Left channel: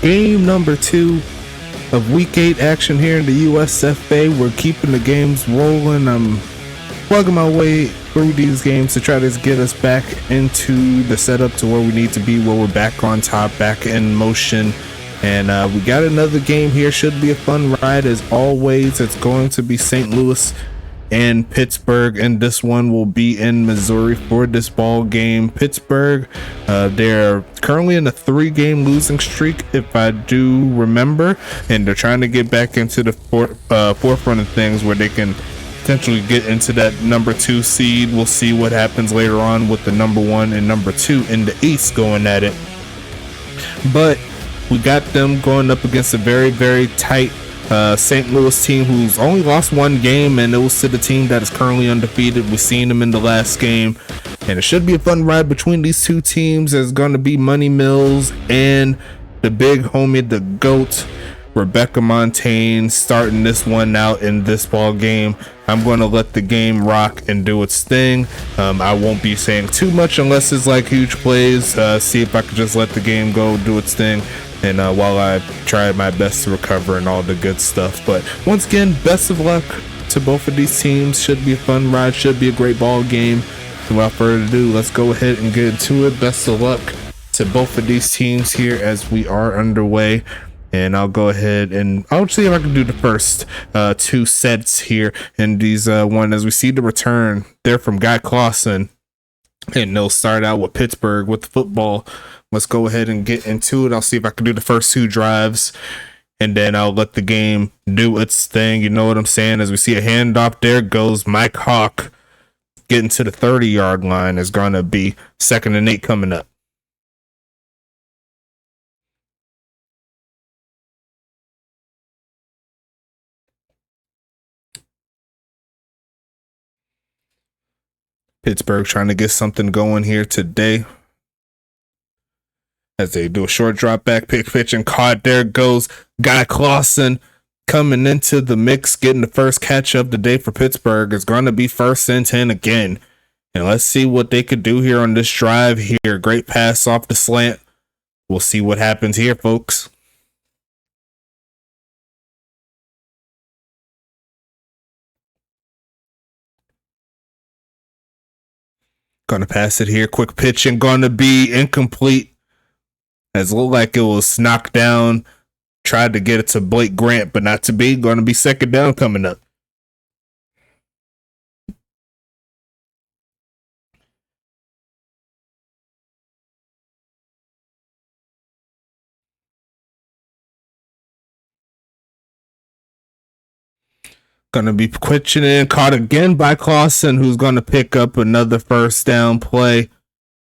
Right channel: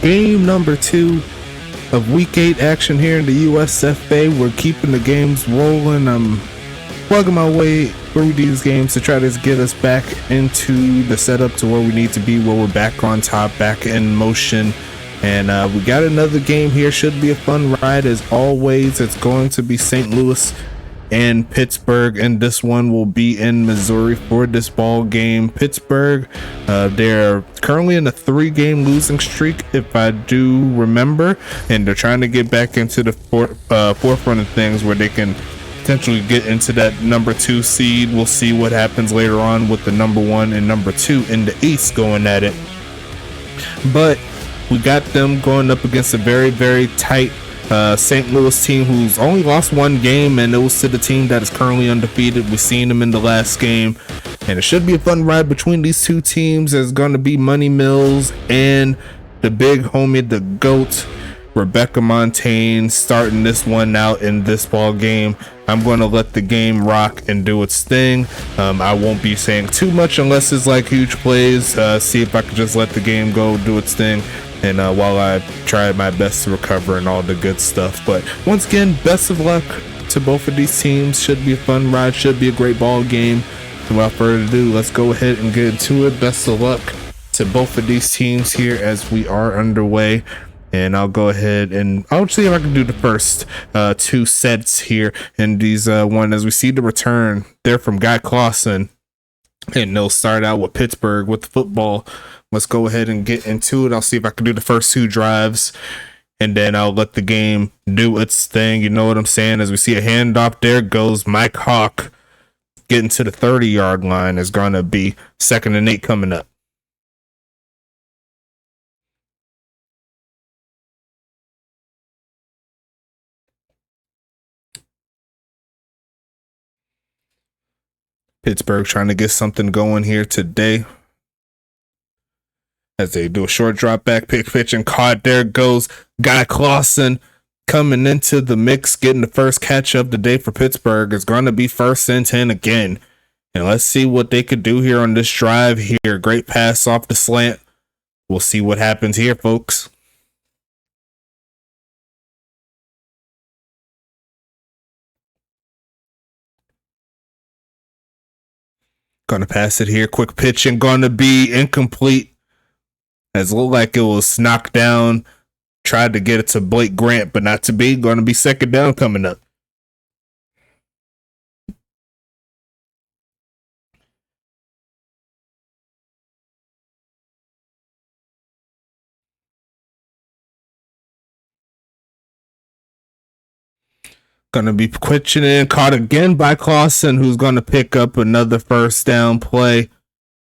game number 2 of week 8 action here in the USFA. We're keeping the games rolling. I'm plugging my way through these games to try to get us back into the setup to where we need to be, where we're back on top, back in motion. And we got another game here. Should be a fun ride as always. It's going to be St. Louis and Pittsburgh, and this one will be in Missouri for this ball game. Pittsburgh, they're currently in a 3-game losing streak, if I do remember, and they're trying to get back into the forefront of things where they can potentially get into that number 2 seed. We'll see what happens later on with the number 1 and number 2 in the East going at it. But we got them going up against a very, very tight St. Louis team who's only lost 1 game, and it was to the team that is currently undefeated. We've seen them in the last game, and it should be a fun ride between these two teams. There's going to be Money Mills and the big homie, the GOAT, Rebecca Montaigne, starting this one out in this ball game. I'm going to let the game rock and do its thing. I won't be saying too much unless it's like huge plays. See if I can just let the game go, do its thing. And while I try my best to recover and all the good stuff. But once again, best of luck to both of these teams. Should be a fun ride, should be a great ball game. So without further ado, let's go ahead and get into it. Best of luck to both of these teams here as we are underway. And I'll go ahead and I'll see if I can do the first 2 sets here in these one, as we see the return there from Guy Clausen. And they'll start out with Pittsburgh with the football. Let's go ahead and get into it. I'll see if I can do the first 2 drives, and then I'll let the game do its thing. You know what I'm saying? As we see a handoff, there goes Mike Hawk getting to the 30-yard line. Is going to be 2nd and 8 coming up. Pittsburgh trying to get something going here today, as they do a short drop back, pitch and caught. There goes Guy Clausen coming into the mix, getting the first catch of the day for Pittsburgh. It's going to be 1st and 10 again. And let's see what they could do here on this drive here. Great pass off the slant. We'll see what happens here, folks. Going to pass it here. Quick pitch and going to be incomplete. As it looked like it was knocked down. Tried to get it to Blake Grant, but not to be. Going to be 2nd down coming up. Going to be pitching in, caught again by Clausen, who's going to pick up another 1st down play.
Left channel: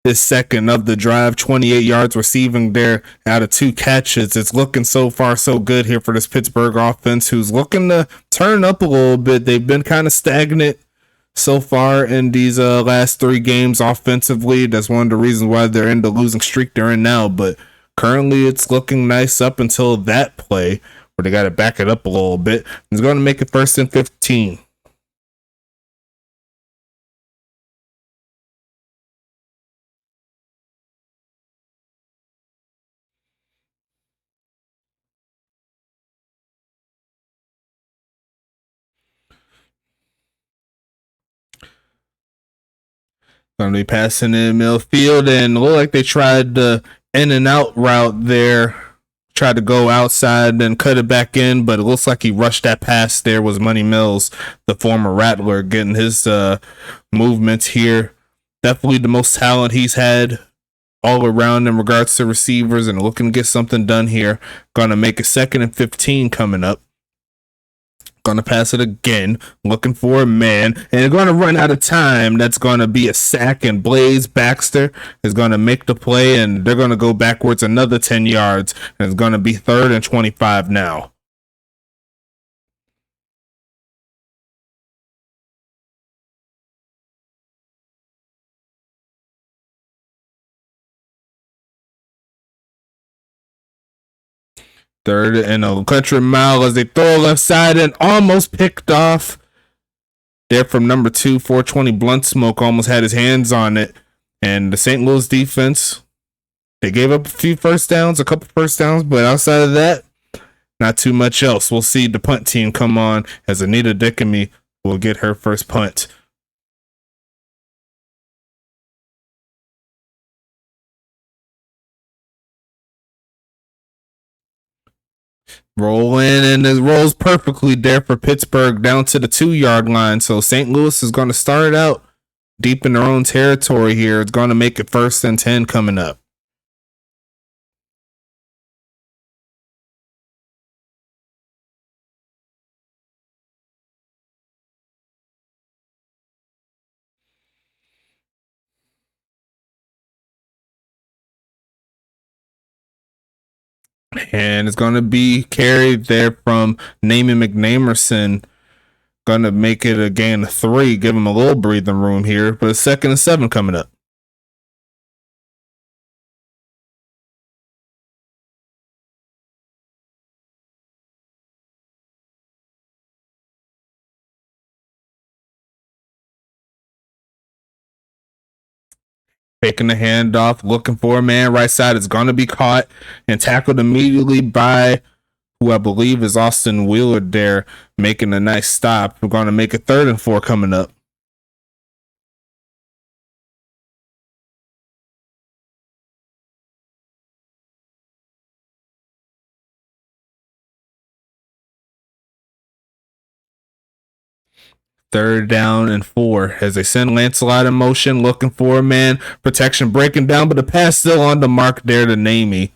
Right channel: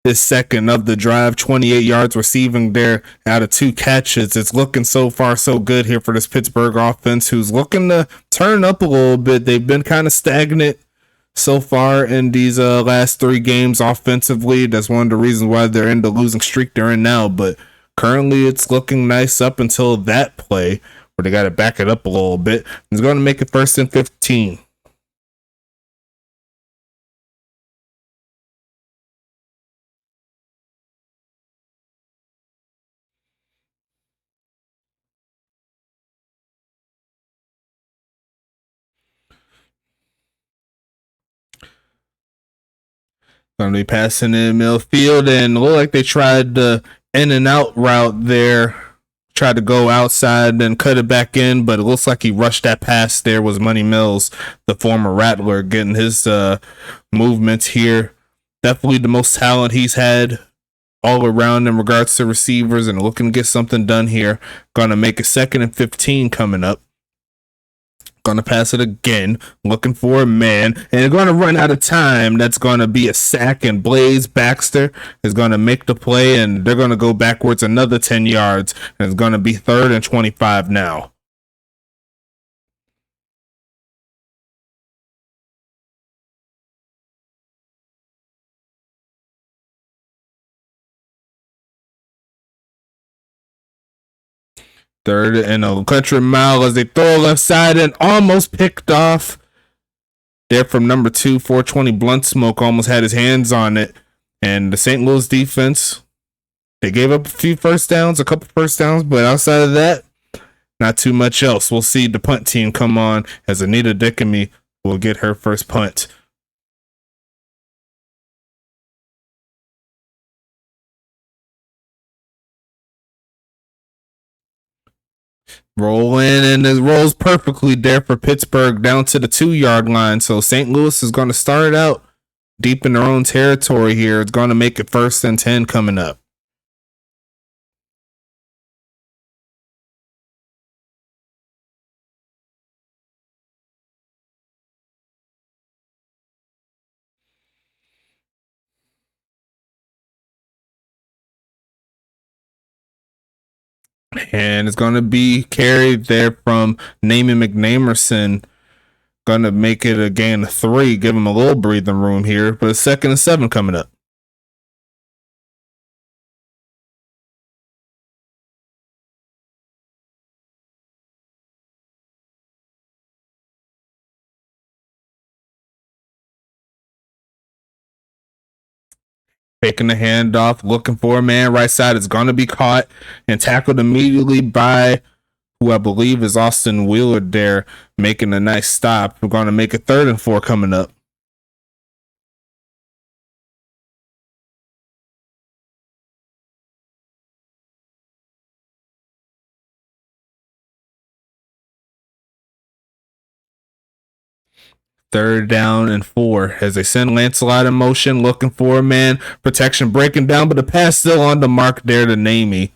His 2nd of the drive, 28 yards receiving there out of 2 catches. It's looking so far so good here for this Pittsburgh offense, who's looking to turn up a little bit. They've been kind of stagnant so far in these last 3 games offensively. That's one of the reasons why they're in the losing streak they're in now. But currently it's looking nice up until that play, where they got to back it up a little bit. It's going to make it 1st and 15. Going to be passing in midfield, and look like they tried the in and out route there. Tried to go outside and cut it back in, but it looks like he rushed that pass. There was Money Mills, the former Rattler, getting his movements here. Definitely the most talent he's had all around in regards to receivers, and looking to get something done here. Going to make a 2nd and 15 coming up. Going to pass it again, looking for a man, and they're going to run out of time. That's going to be a sack, and Blaze Baxter is going to make the play, and they're going to go backwards another 10 yards, and it's going to be 3rd and 25 now. Third and a country mile as they throw left side and almost picked off. There from number 2, 420 Blunt Smoke almost had his hands on it. And the St. Louis defense They gave up a few first downs, a couple first downs, but outside of that, not too much else. We'll see the punt team come on as Anita Dickamy will get her first punt. Roll in, and it rolls perfectly there for Pittsburgh down to the 2-yard line. So St. Louis is going to start out deep in their own territory here. It's going to make it 1st and 10 coming up. And it's going to be carried there from Naaman McNamerson. Going to make it a gain of 3, give him a little breathing room here. But 2nd and 7 coming up. Taking the handoff, looking for a man right side. Is going to be caught and tackled immediately by who I believe is Austin Wheeler there, making a nice stop. We're going to make it 3rd and 4 coming up. Third down and 4 as they send Lancelot in motion, looking for a man. Protection breaking down, but the pass still on the mark there to Namey.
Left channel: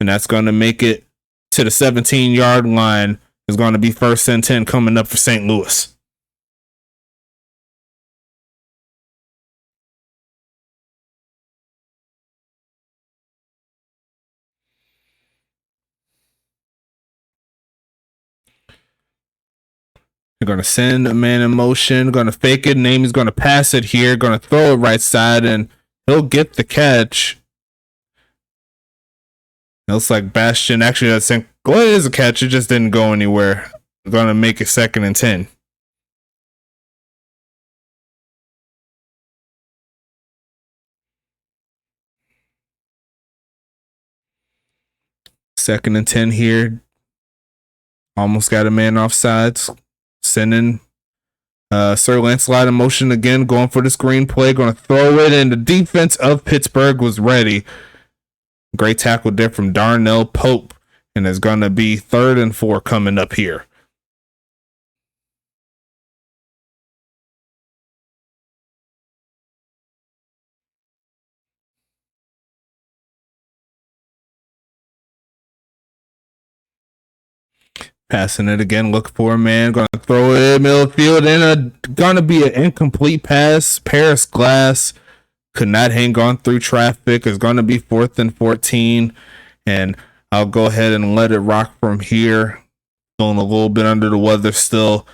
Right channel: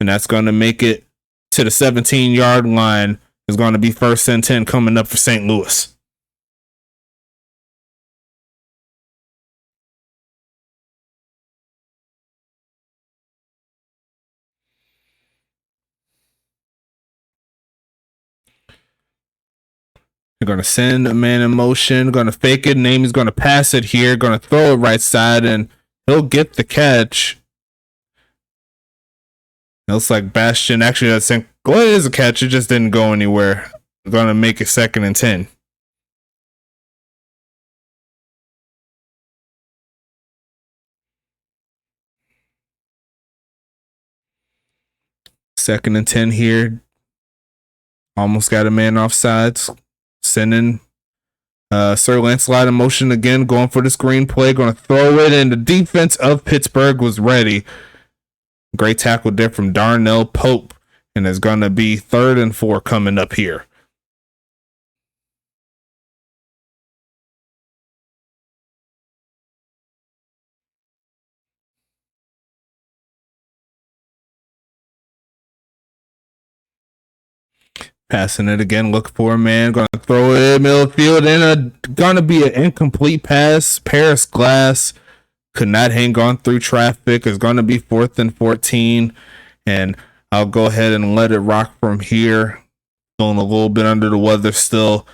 And that's going to make it to the 17-yard line. Is going to be 1st and 10 coming up for St. Louis. You're going to send a man in motion, going to fake it. Namey's going to pass it here, going to throw it right side, and he'll get the catch. It looks like Bastion actually does think, well, it is a catch. It just didn't go anywhere. We're going to make it 2nd and 10. Second and 10 here. Almost got a man off sides. Sending Sir Lancelot in motion again, going for the screen play, going to throw it, and the defense of Pittsburgh was ready. Great tackle there from Darnell Pope, and it's going to be 3rd and 4 coming up here. Passing it again, look for a man, going to throw it in middle field, and going to be an incomplete pass. Paris Glass could not hang on through traffic. It's going to be 4th and 14, and I'll go ahead and let it rock from here. Feeling a little bit under the weather still.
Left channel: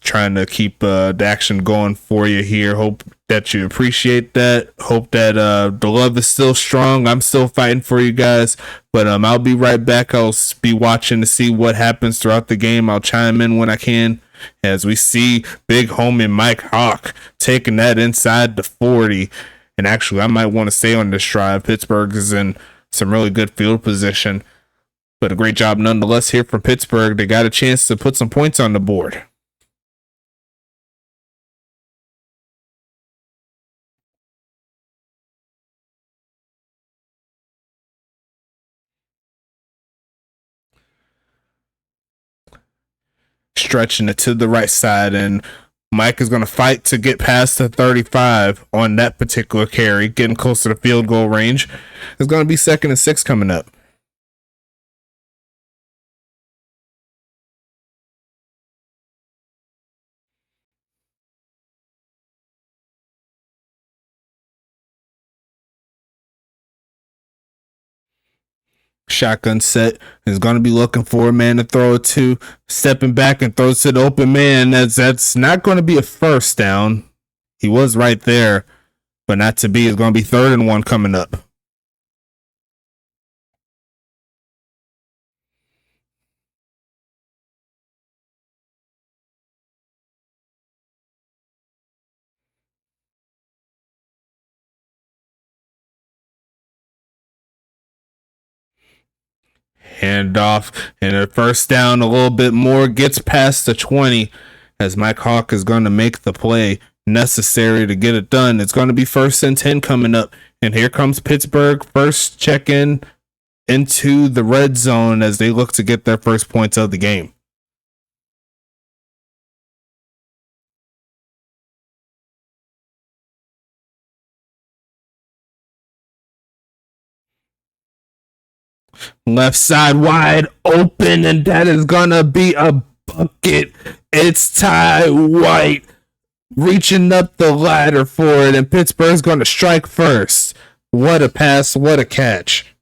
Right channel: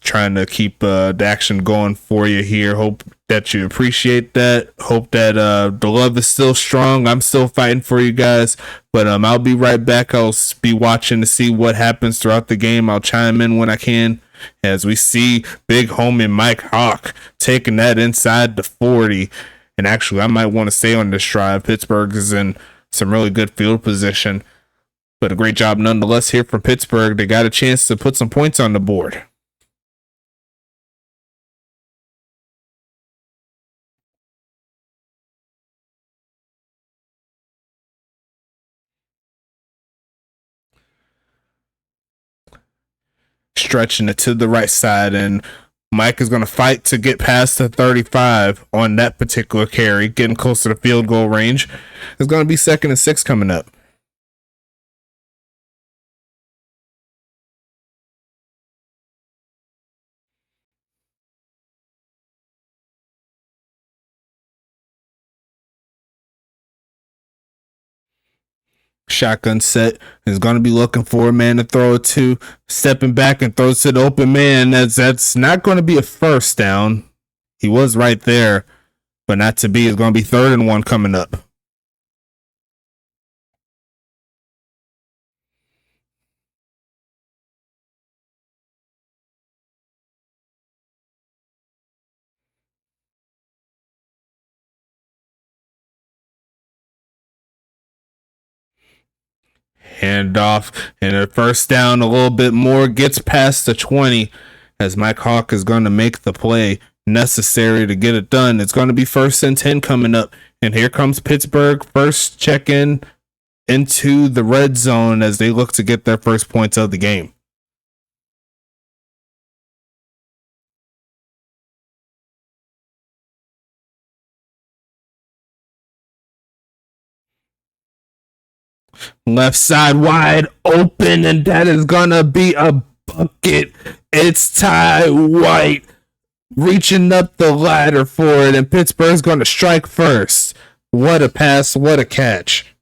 Trying to keep the action going for you here. Hope that you appreciate that. Hope that the love is still strong. I'm still fighting for you guys, but I'll be right back. I'll be watching to see what happens throughout the game. I'll chime in when I can as we see big homie Mike Hawk taking that inside the 40. And actually, I might want to stay on this drive. Pittsburgh is in some really good field position, but a great job nonetheless here from Pittsburgh. They got a chance to put some points on the board. Stretching it to the right side, and Mike is going to fight to get past the 35 on that particular carry, getting close to the field goal range. It's going to be 2nd and 6 coming up. Shotgun set, is going to be looking for a man to throw it to, stepping back and throws to the open man. That's not going to be a first down. He was right there, but not to be. It's going to be 3rd and 1 coming up. Handoff and a first down, a little bit more, gets past the 20 as Mike Hawk is going to make the play necessary to get it done. It's going to be 1st and 10 coming up. And here comes Pittsburgh, first check-in into the red zone as they look to get their first points of the game. Left side wide open, and that is gonna be a bucket. It's Ty White reaching up the ladder for it, and Pittsburgh's gonna strike first. What a pass, what a catch.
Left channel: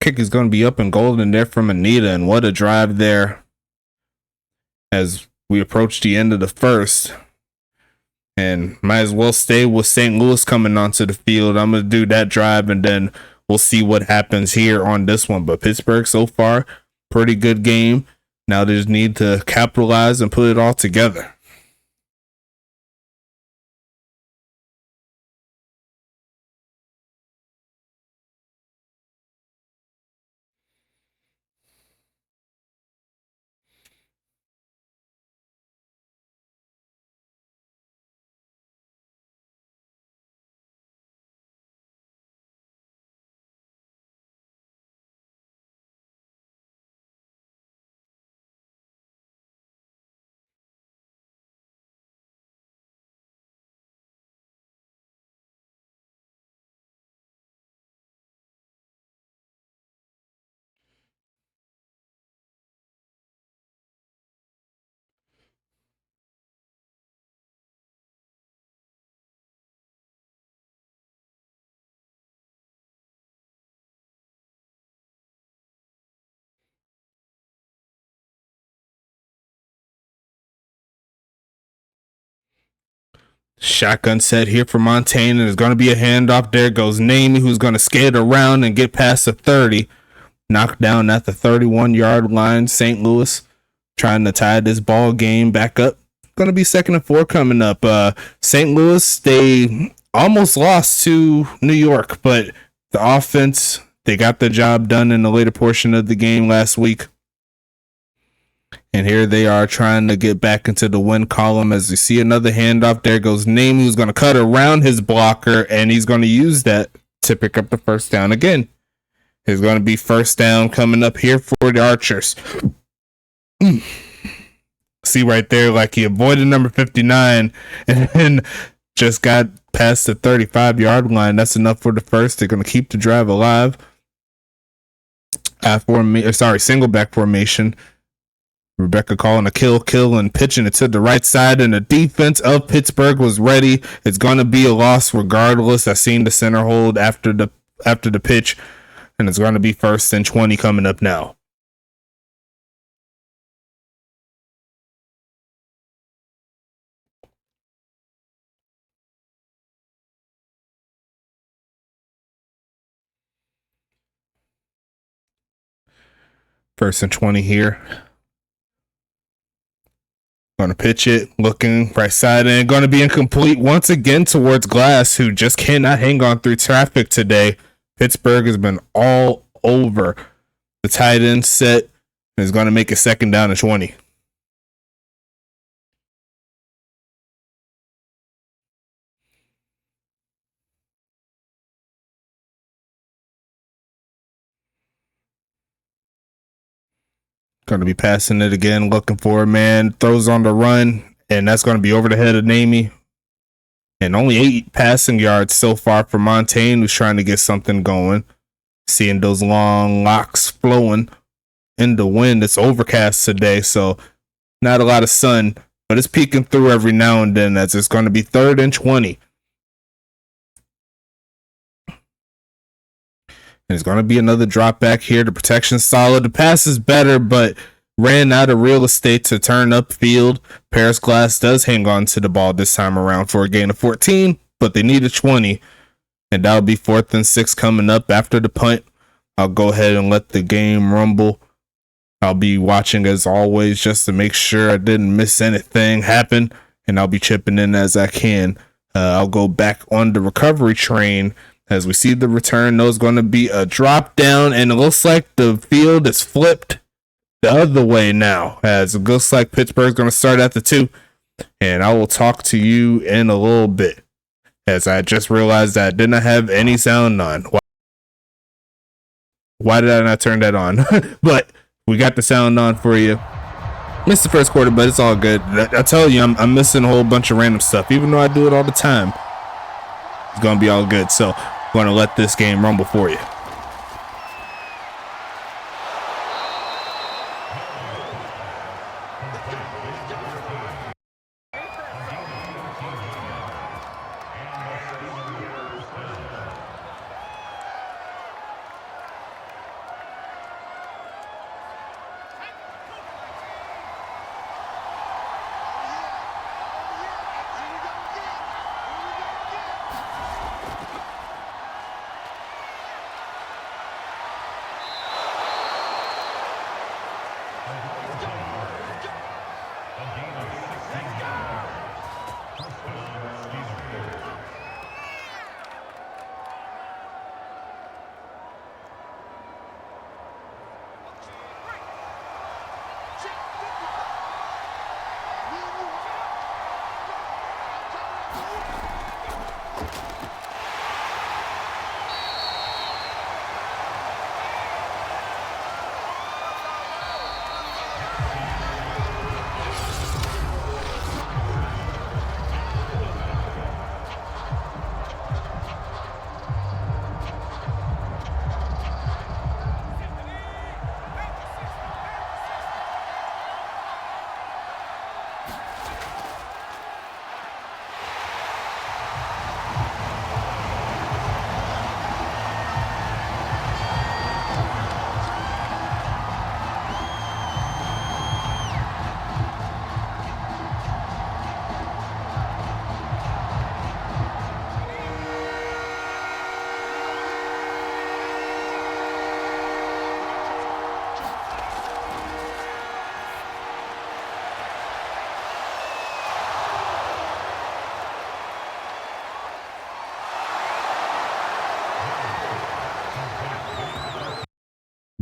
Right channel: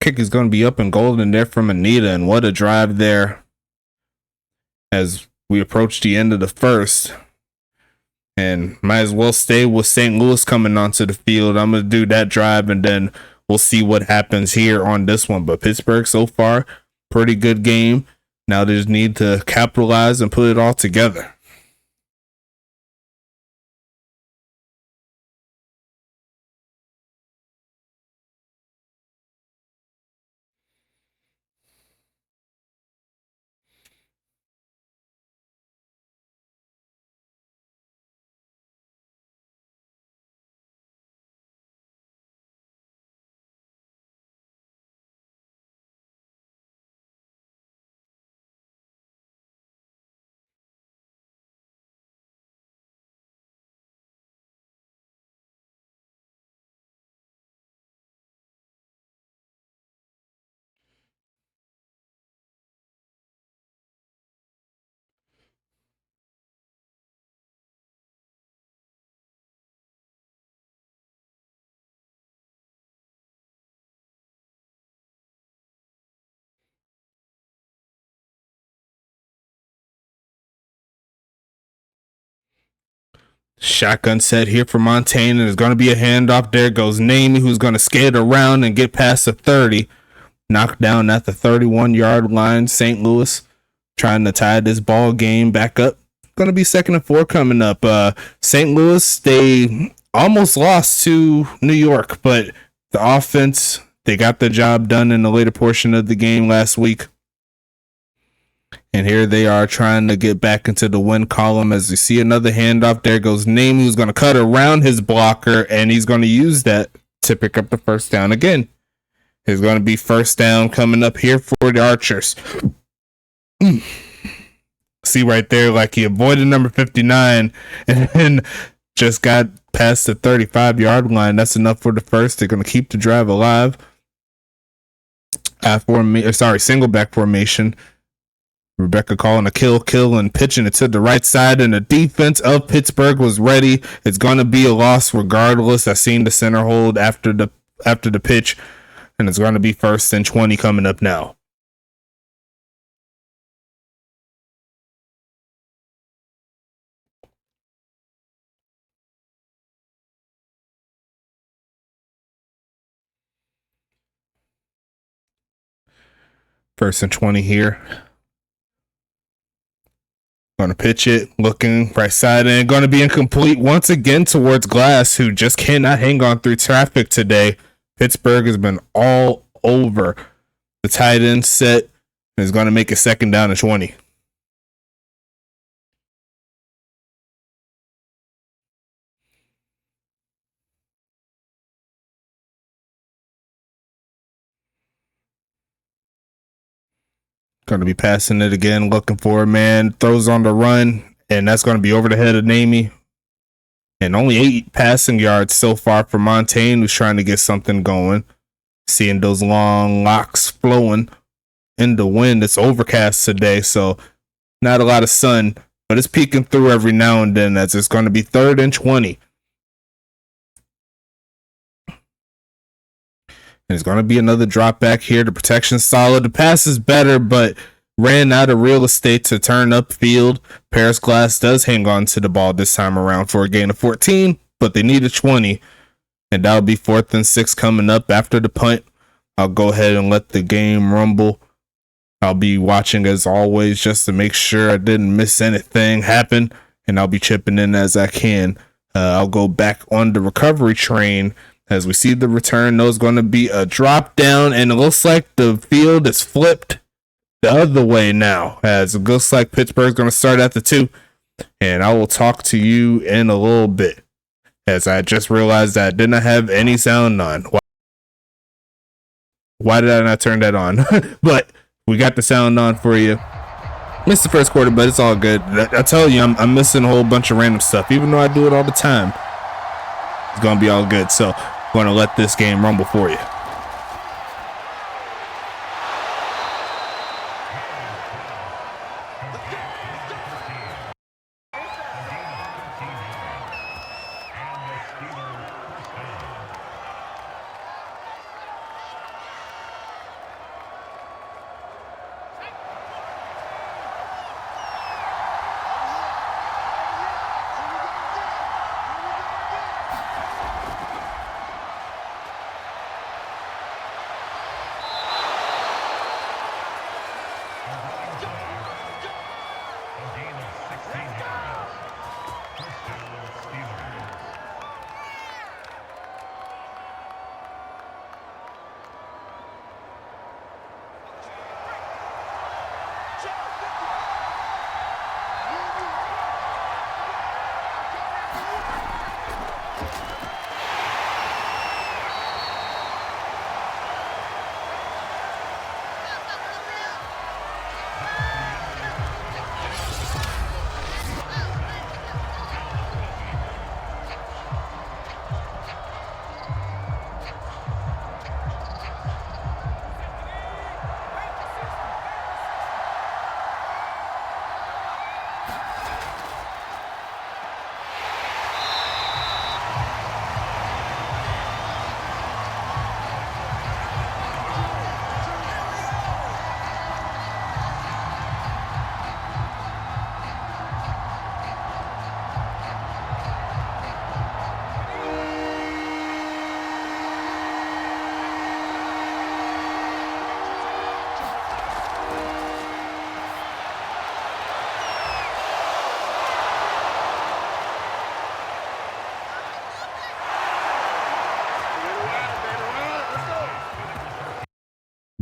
Kick is gonna be up and golden there from Anita, and what a drive there as we approach the end of the first. And might as well stay with St. Louis coming onto the field. I'm going to do that drive, and then we'll see what happens here on this one. But Pittsburgh so far, pretty good game. Now they just need to capitalize and put it all together. Shotgun set here for Montaigne, and there's going to be a handoff. There goes Namey, who's going to skate around and get past the 30. Knocked down at the 31-yard line. St. Louis trying to tie this ball game back up. Going to be 2nd and 4 coming up. St. Louis, they almost lost to New York, but the offense, they got the job done in the later portion of the game last week. And here they are trying to get back into the win column as we see another handoff. There goes Name, who's going to cut around his blocker, and he's going to use that to pick up the first down again. There's going to be first down coming up here for the Archers. See right there, like he avoided number 59 and then just got past the 35-yard line. That's enough for the first. They're going to keep the drive alive. Single back formation. Rebecca calling a kill, and pitching it to the right side, and the defense of Pittsburgh was ready. It's going to be a loss regardless. I seen the center hold after the pitch, and it's going to be 1st and 20 coming up now. First and 20 here. Going to pitch it, looking right side, and going to be incomplete once again towards Glass, who just cannot hang on through traffic today. Pittsburgh has been all over the tight end set, and is going to make a 2nd down and 20. Going to be passing it again, looking for a man, throws on the run, and that's going to be over the head of Namey. And only 8 passing yards so far for Montaigne, who's trying to get something going. Seeing those long locks flowing in the wind. It's overcast today, so not a lot of sun, but it's peeking through every now and then as it's going to be 3rd and 20. And it's going to be another drop back here. The protection's solid. The pass is better, but ran out of real estate to turn upfield. Paris Glass does hang on to the ball this time around for a gain of 14, but they need a 20. And that'll be 4th and 6 coming up after the punt. I'll go ahead and let the game rumble I'll be watching as always just to make sure I didn't miss anything happen, and I'll be chipping in as I can. I'll go back on the recovery train as we see the return. There's going to be a drop down, and it looks like the field is flipped the other way now, as it looks like Pittsburgh's going to start at the 2, and I will talk to you in a little bit, as I just realized that I did not have any sound on. Why did I not turn that on? But we got the sound on for you. Missed the first quarter, but it's all good. I tell you, I'm missing a whole bunch of random stuff, even though I do it all the time. It's gonna be all good. So I'm gonna let this game rumble for you.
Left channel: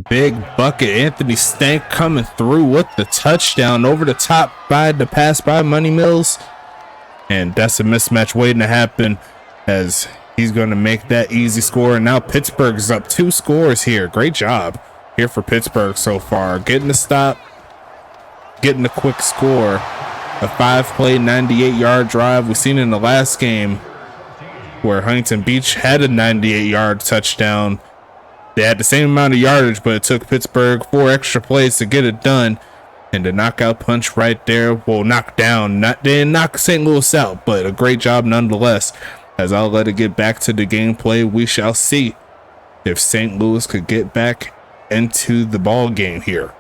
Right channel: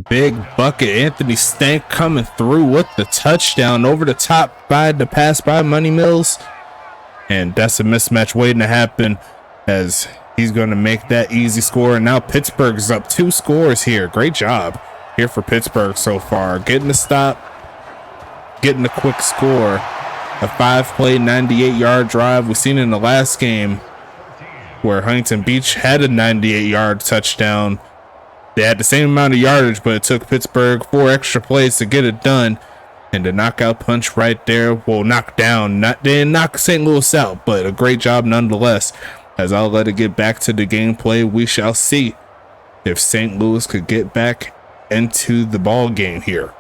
Big bucket. Anthony Stank coming through with the touchdown over the top by the pass by Money Mills. And that's a mismatch waiting to happen, as he's going to make that easy score. And now Pittsburgh's up 2 scores here. Great job here for Pittsburgh so far. Getting the stop, getting the quick score. A 5-play, 98-yard drive. We've seen in the last game where Huntington Beach had a 98-yard touchdown. They had the same amount of yardage, but it took Pittsburgh 4 extra plays to get it done. And the knockout punch right there will knock down. They didn't knock St. Louis out, but a great job nonetheless. As I'll let it get back to the gameplay, we shall see if St. Louis could get back into the ball game here.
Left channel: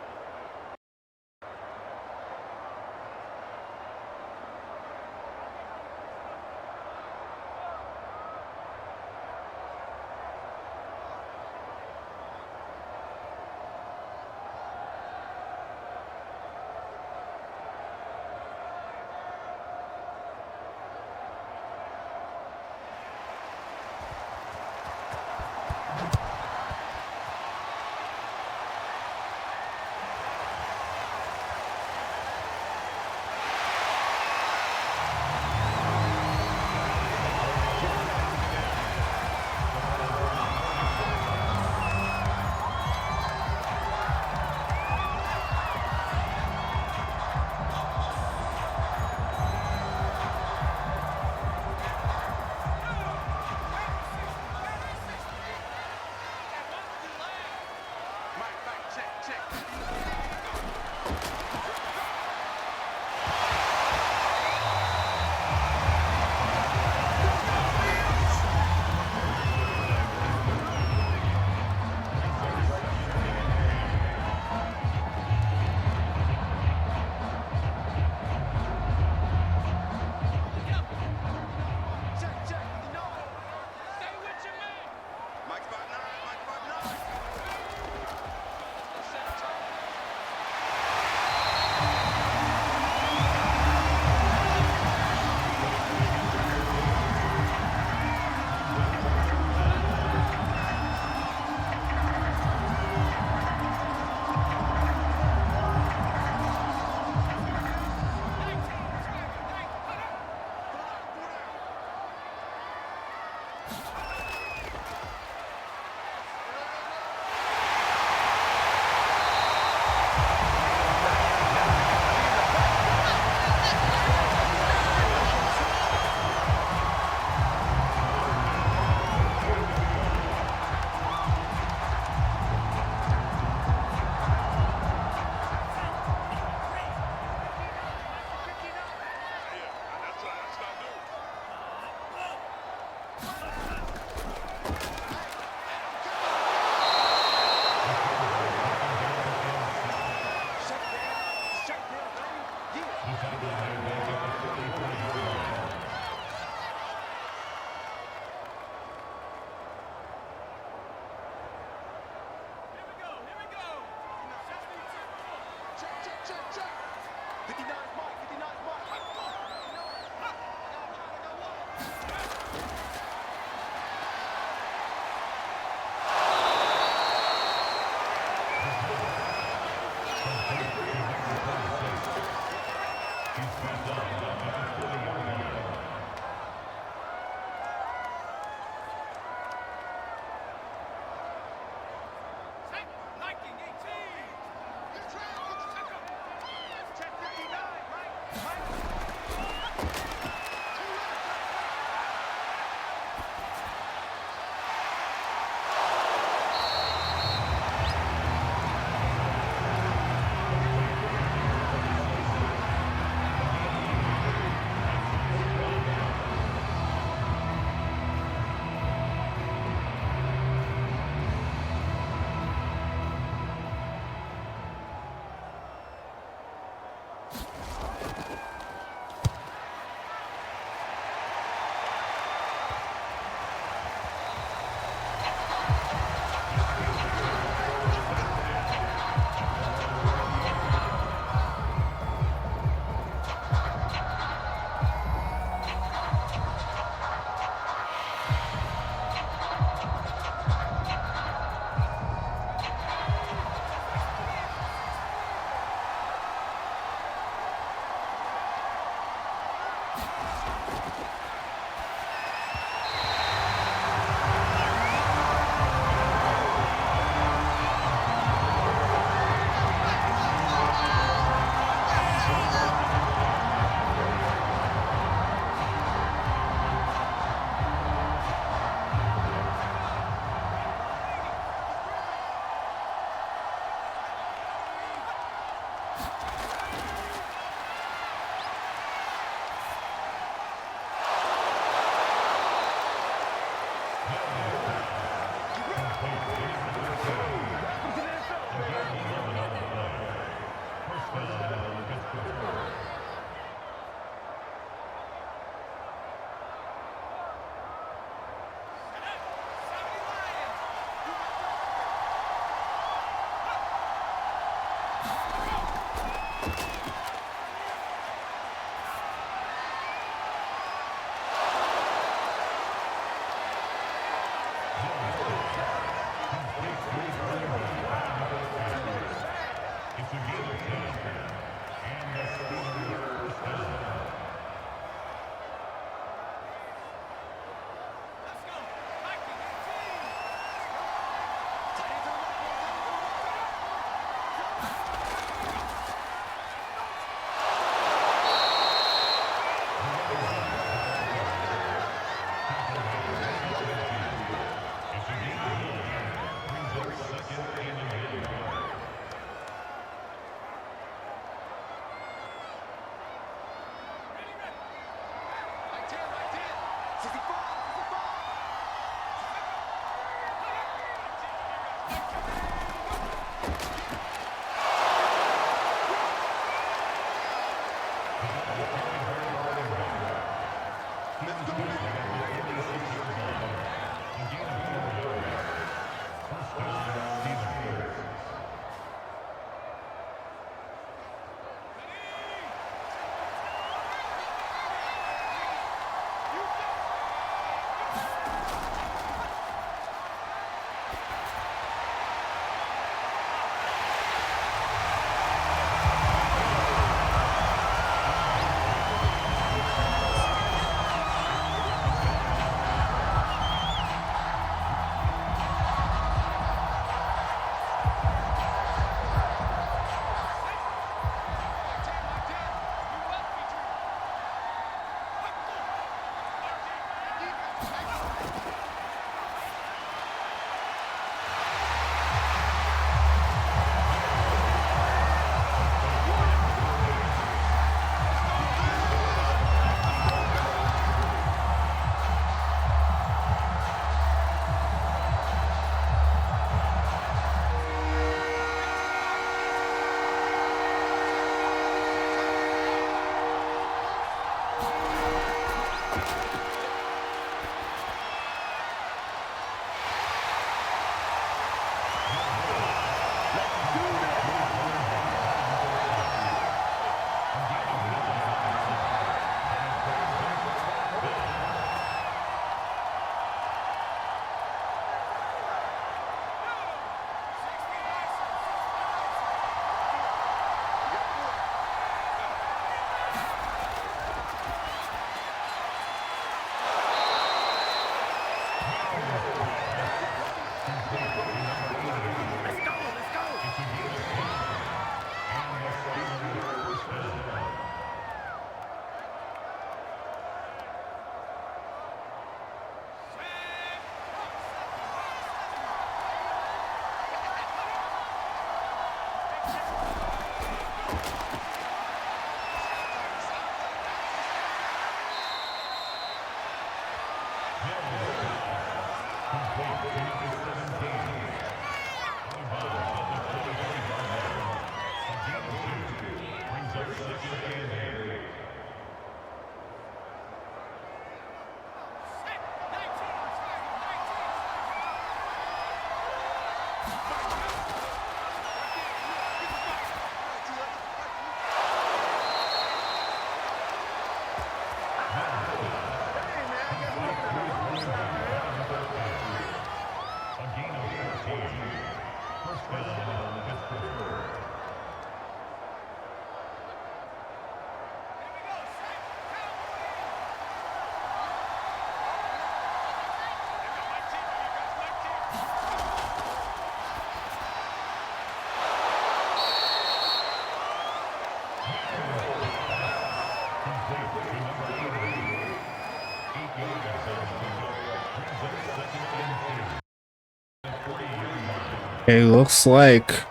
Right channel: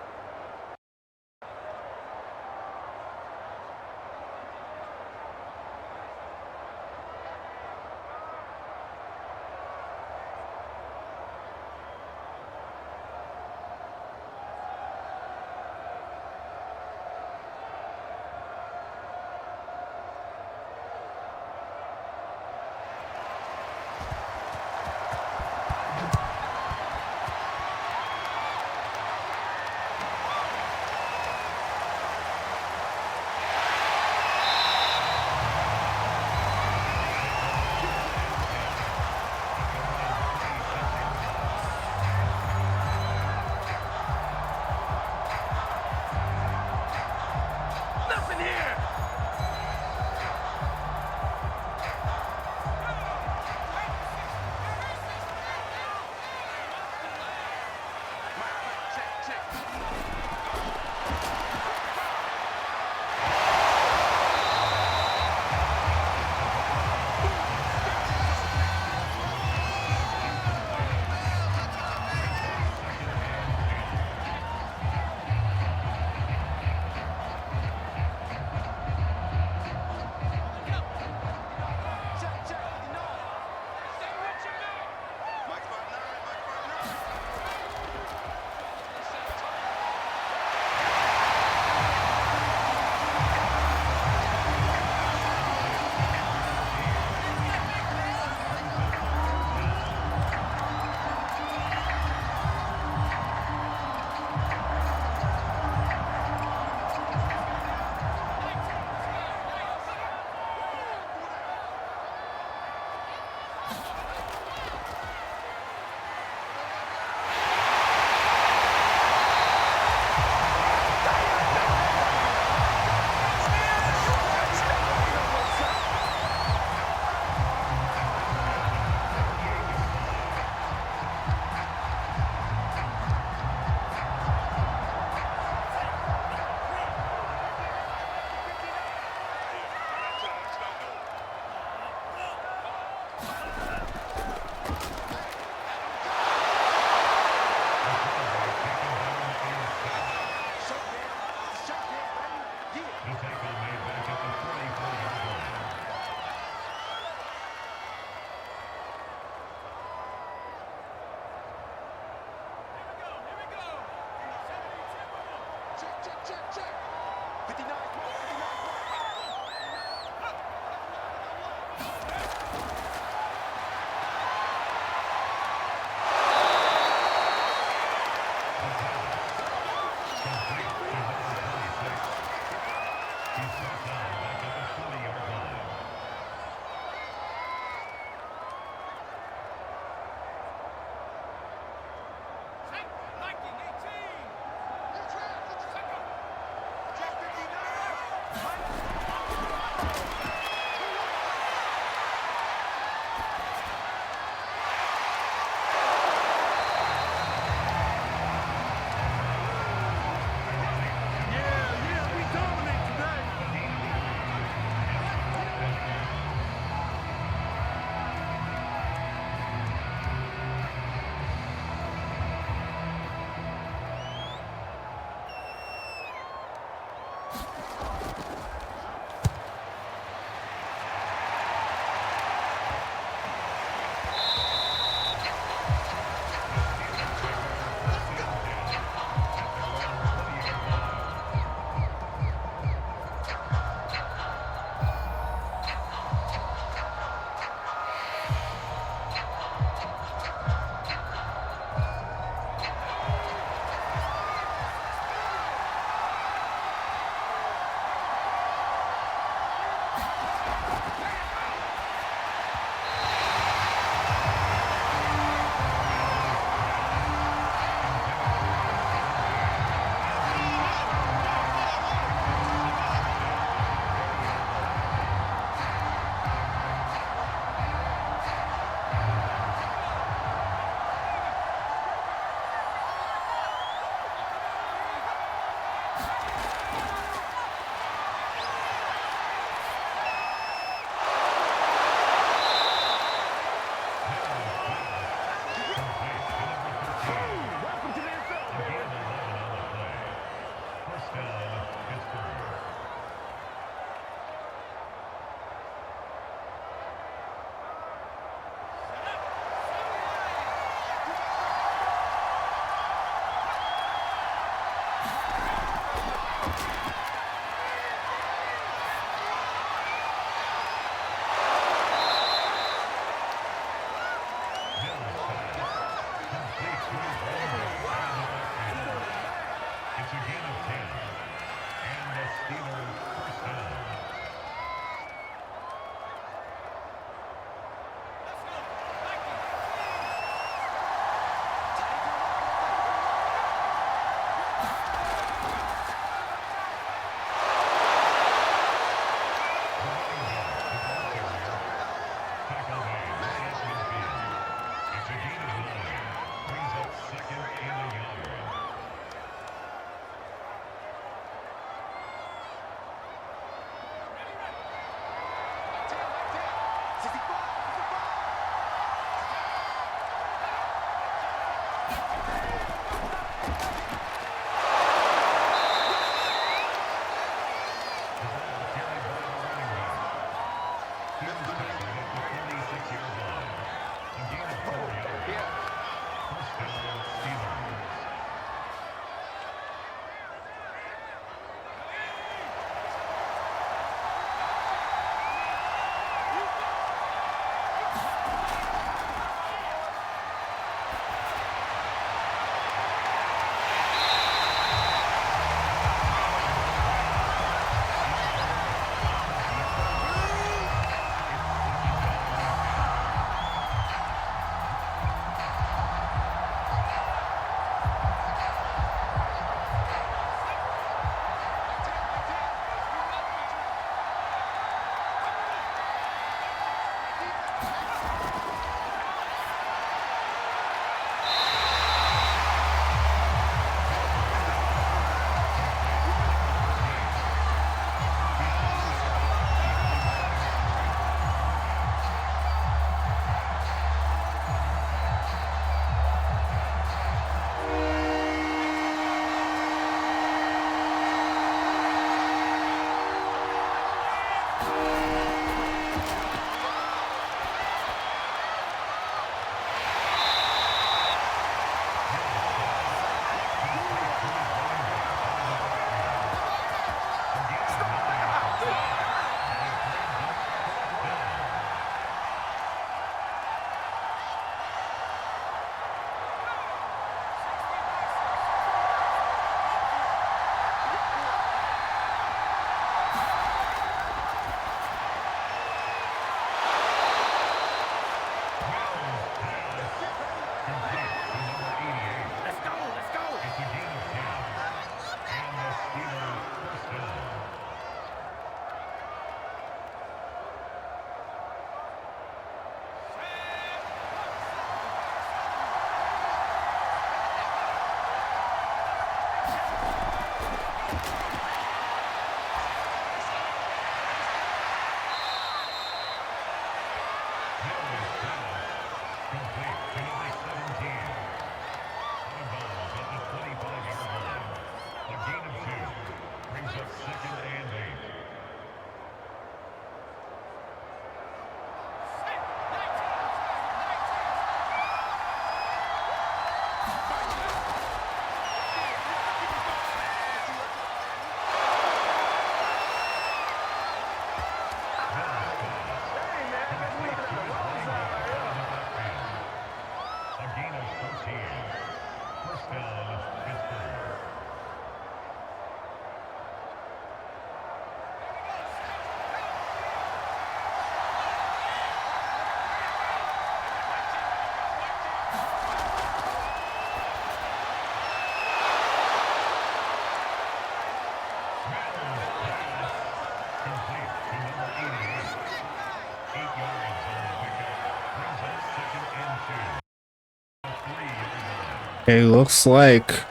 It looks like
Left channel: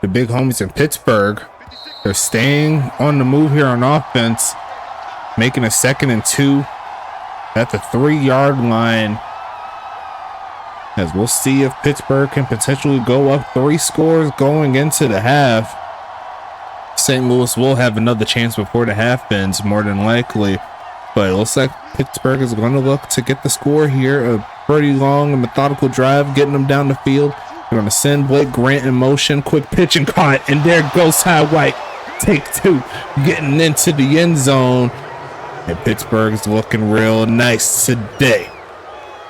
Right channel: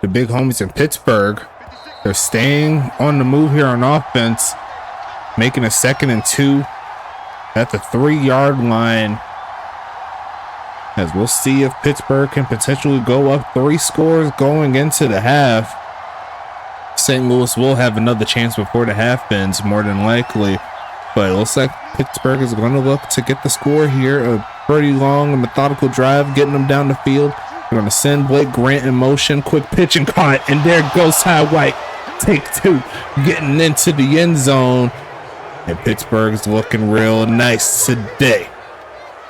the big homies in Pittsburgh, they're staying on the move here on offense, making a 2nd and 2 at the 3-yard line. As we'll see if Pittsburgh can potentially go up 3 scores going into the half. St. Louis will have another chance before the half ends, more than likely. But it looks like Pittsburgh is going to look to get the score here. A pretty long and methodical drive, getting them down the field. They're going to send Blake Grant in motion. Quick pitch and caught. And there goes Ty White. Take 2. Getting into the end zone. And Pittsburgh's looking real nice today.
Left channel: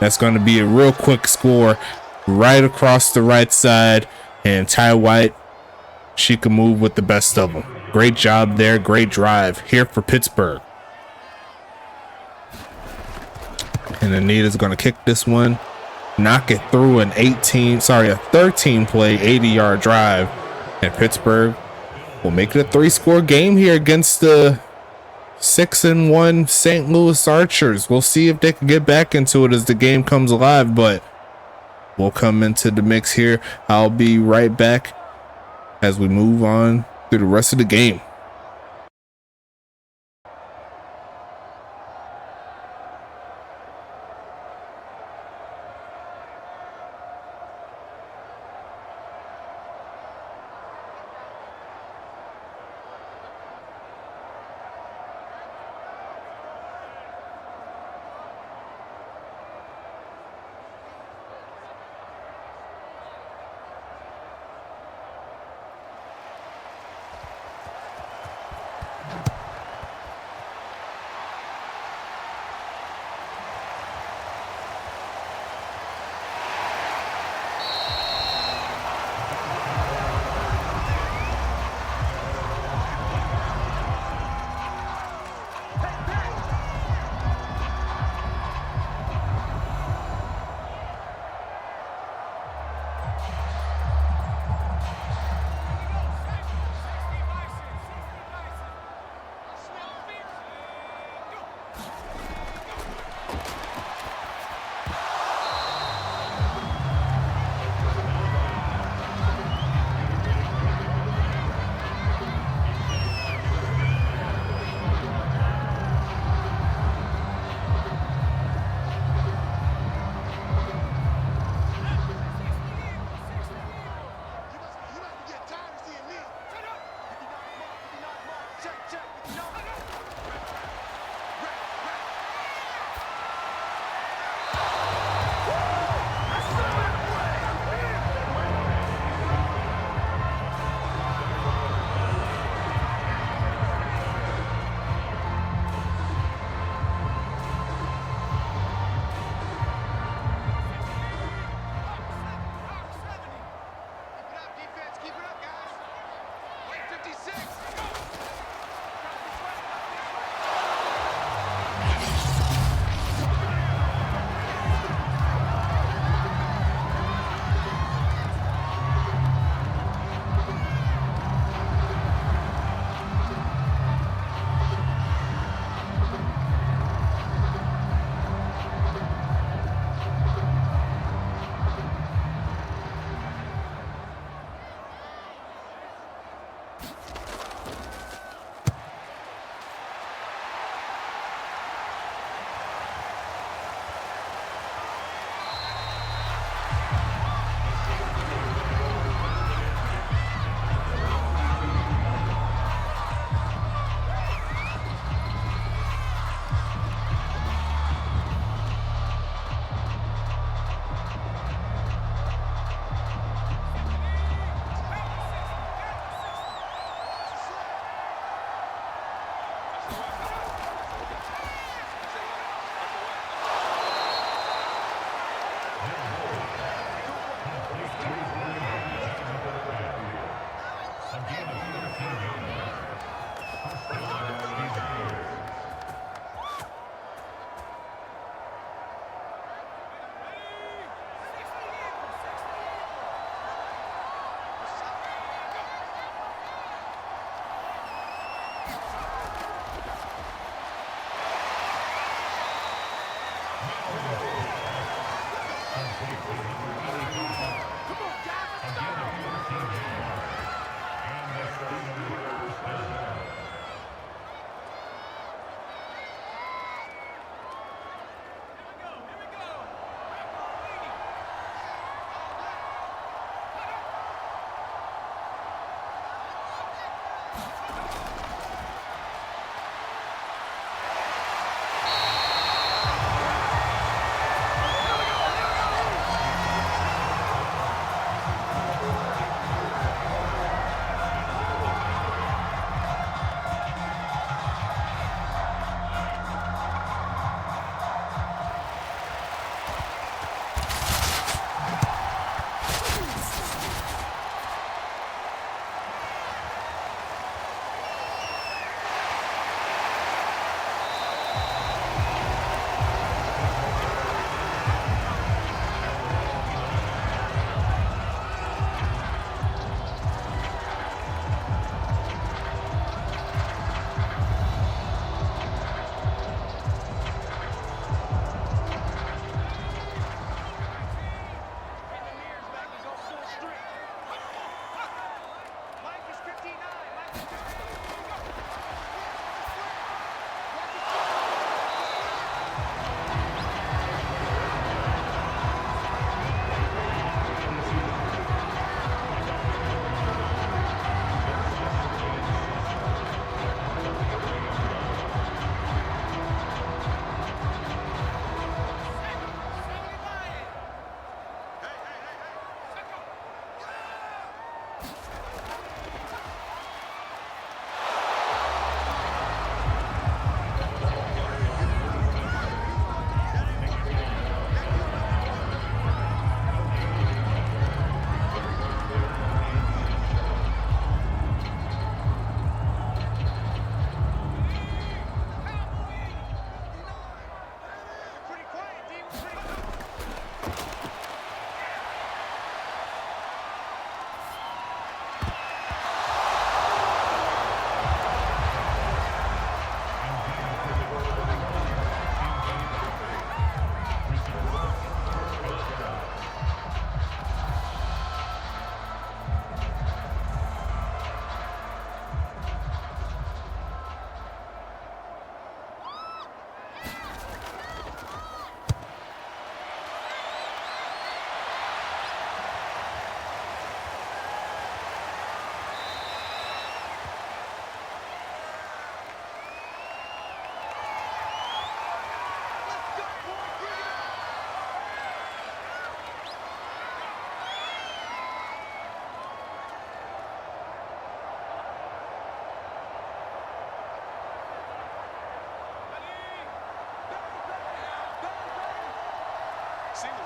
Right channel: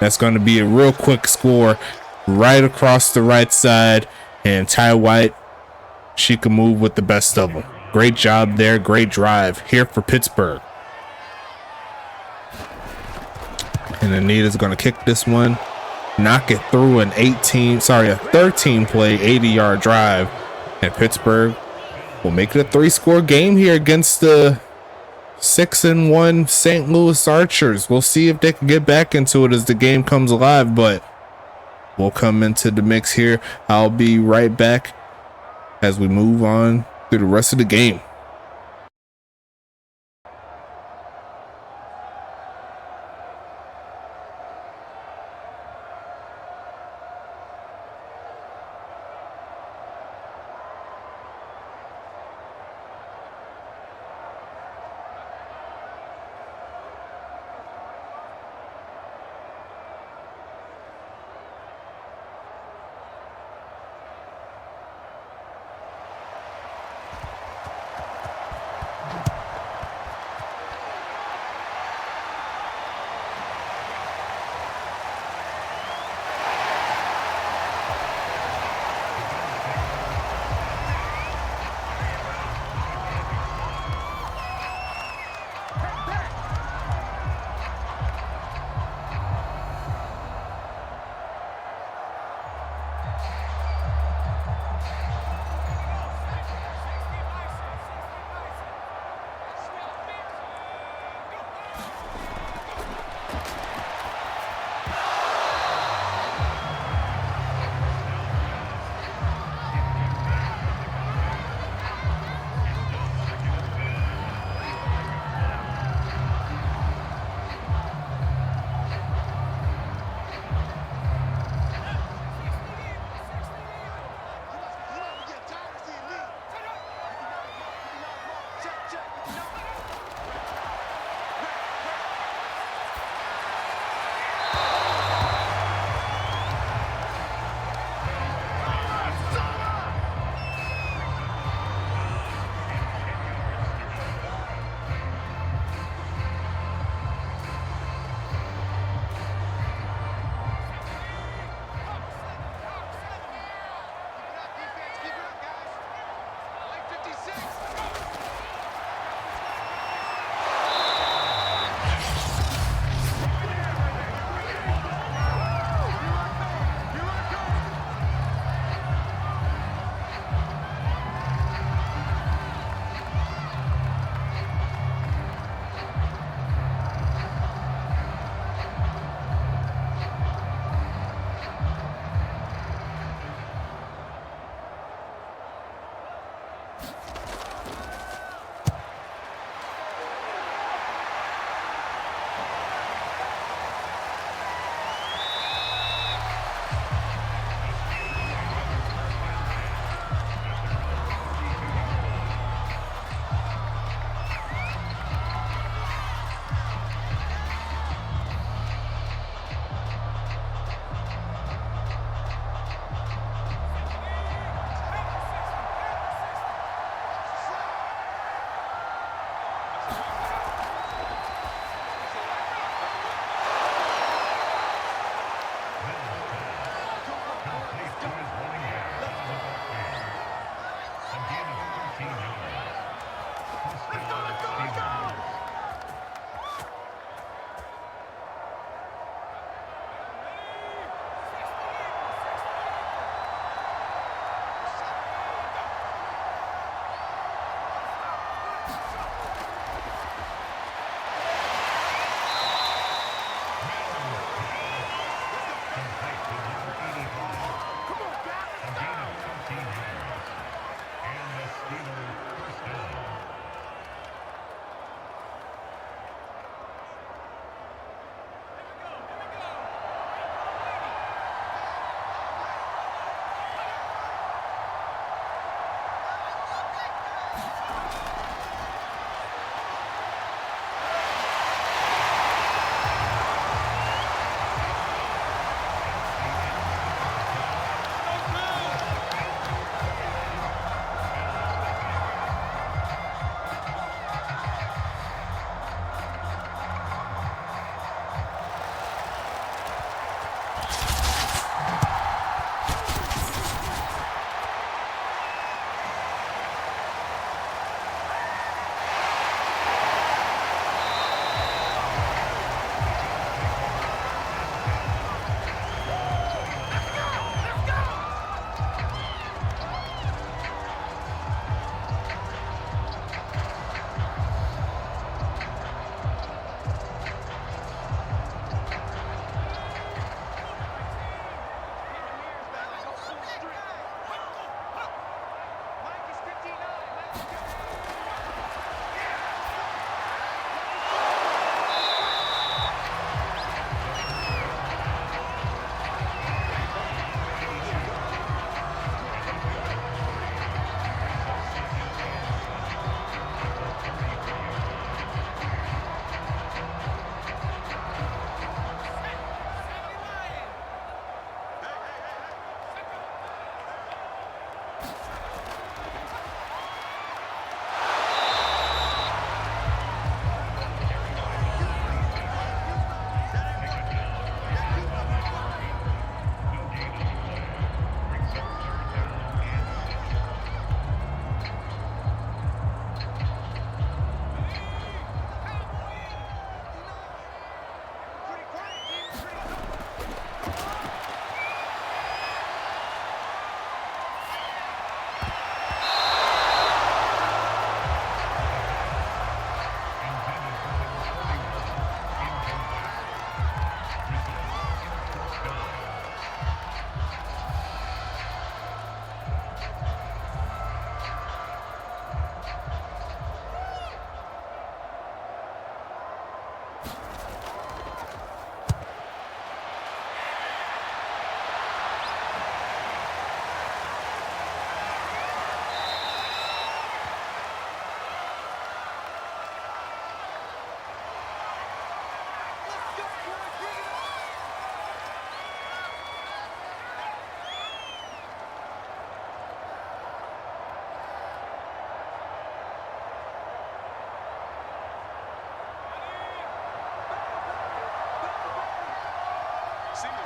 That's going to be a real quick score right across the right side. And Ty White, she can move with the best of them. Great job there. Great drive here for Pittsburgh. And Anita's going to kick this one. Knock it through a 13-play, 80-yard drive. And Pittsburgh will make it a 3-score game here against the 6-1 St. Louis Archers. We'll see if they can get back into it as the game comes alive, but we'll come into the mix here. I'll be right back as we move on through the rest of the game.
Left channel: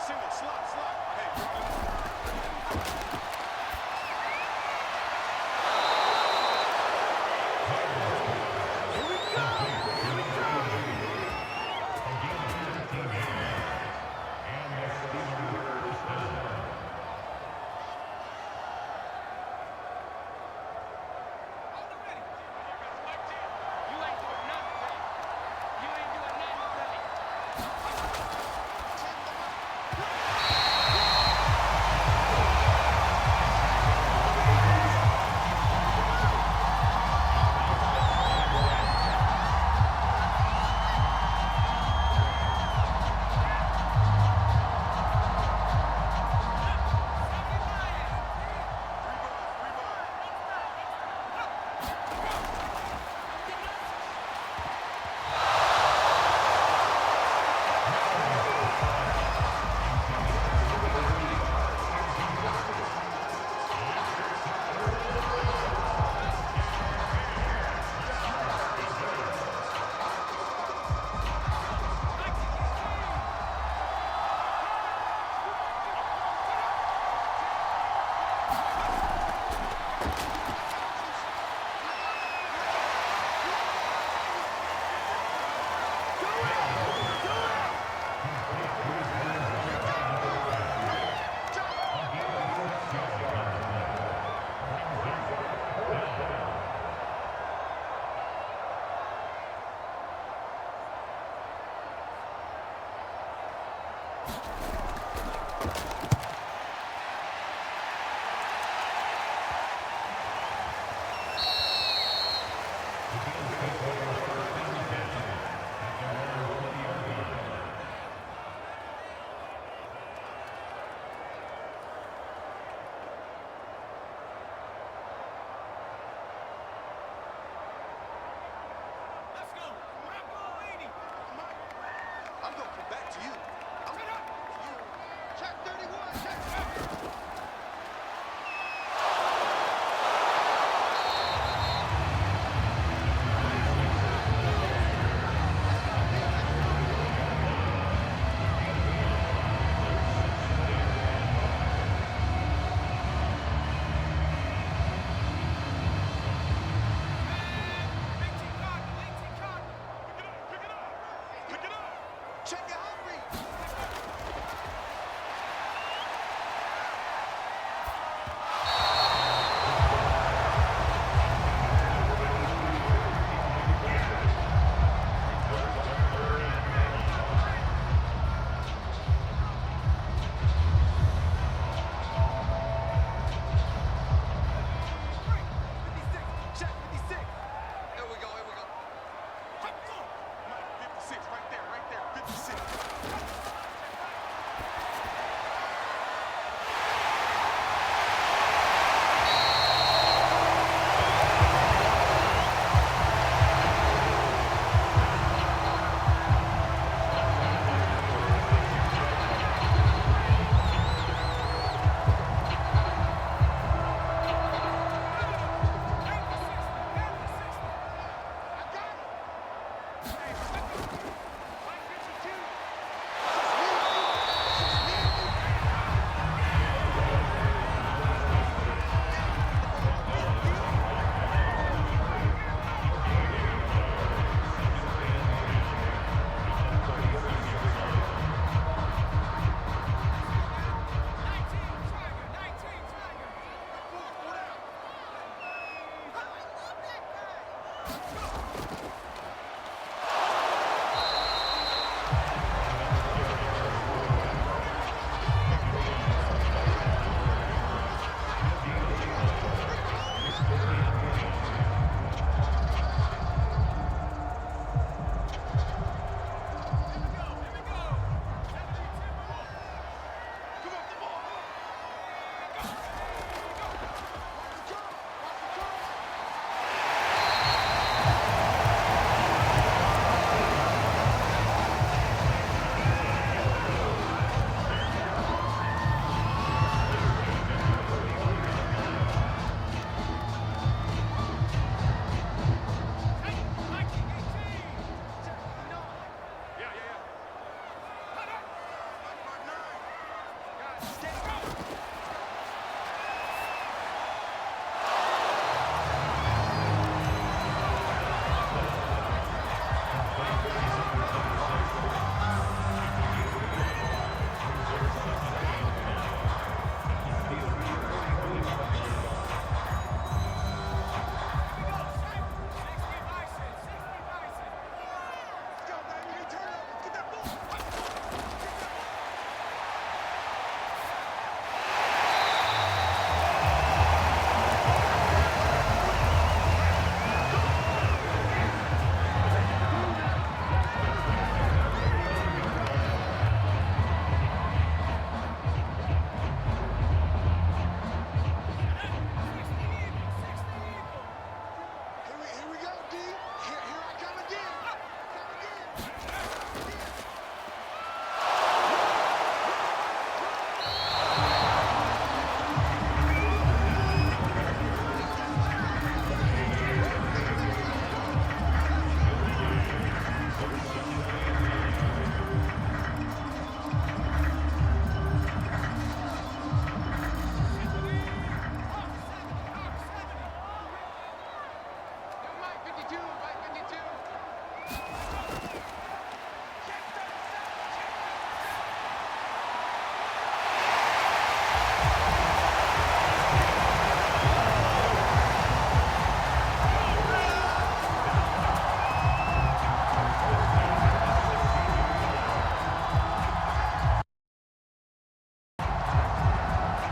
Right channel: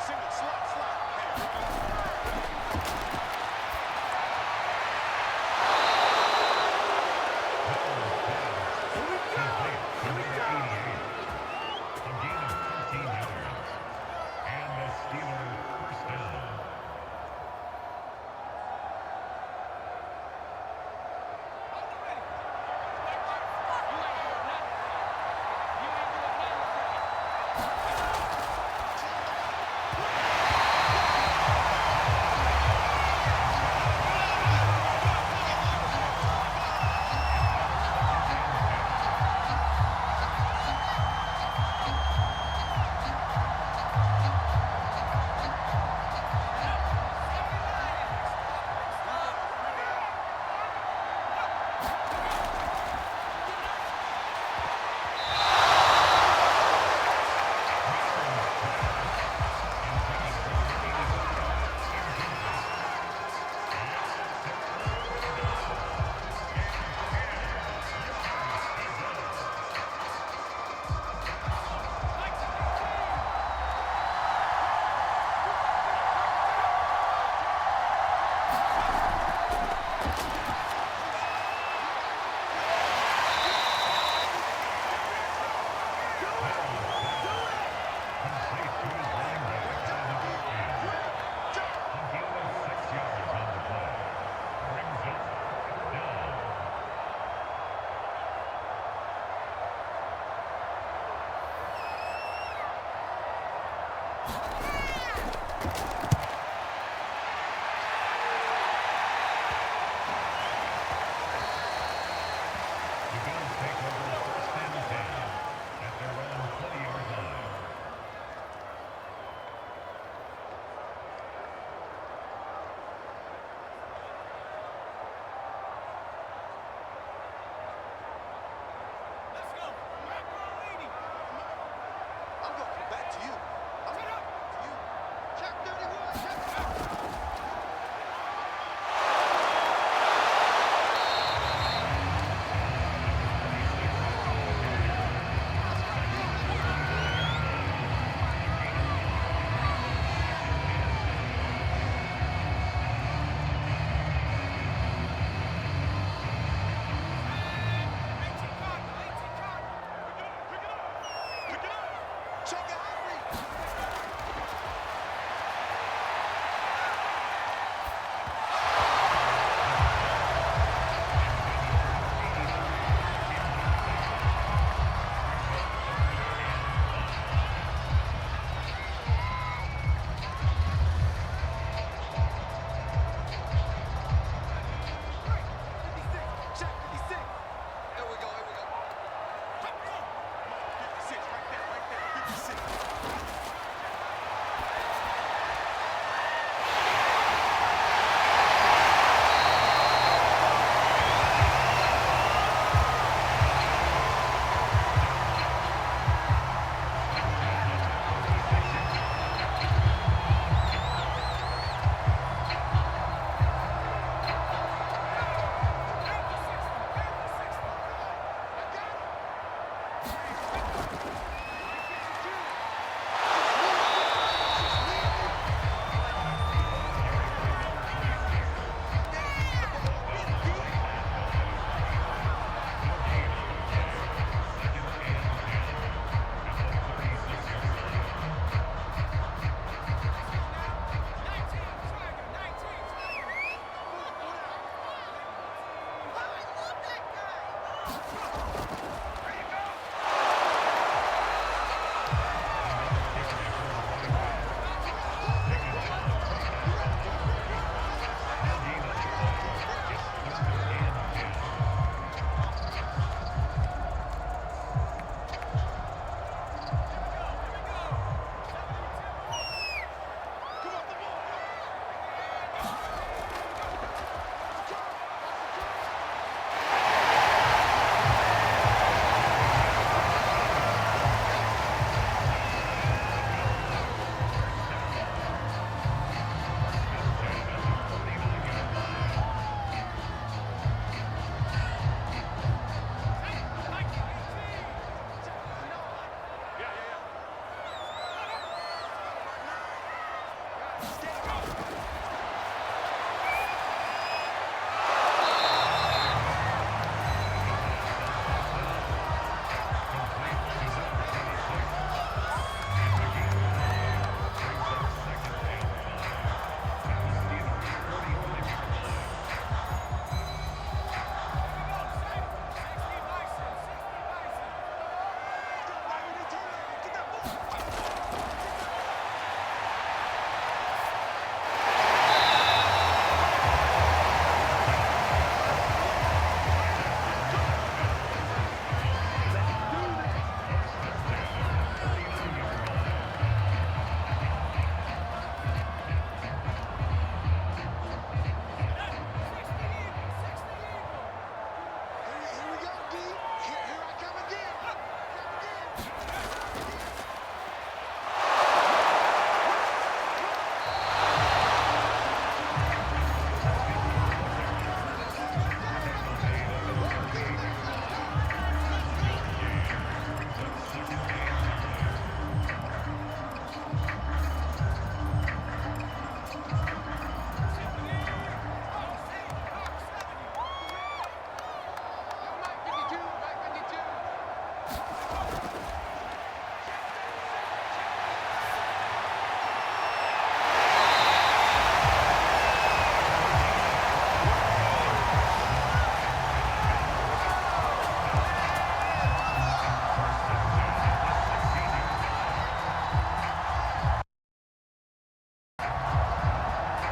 Single, slot. Hey,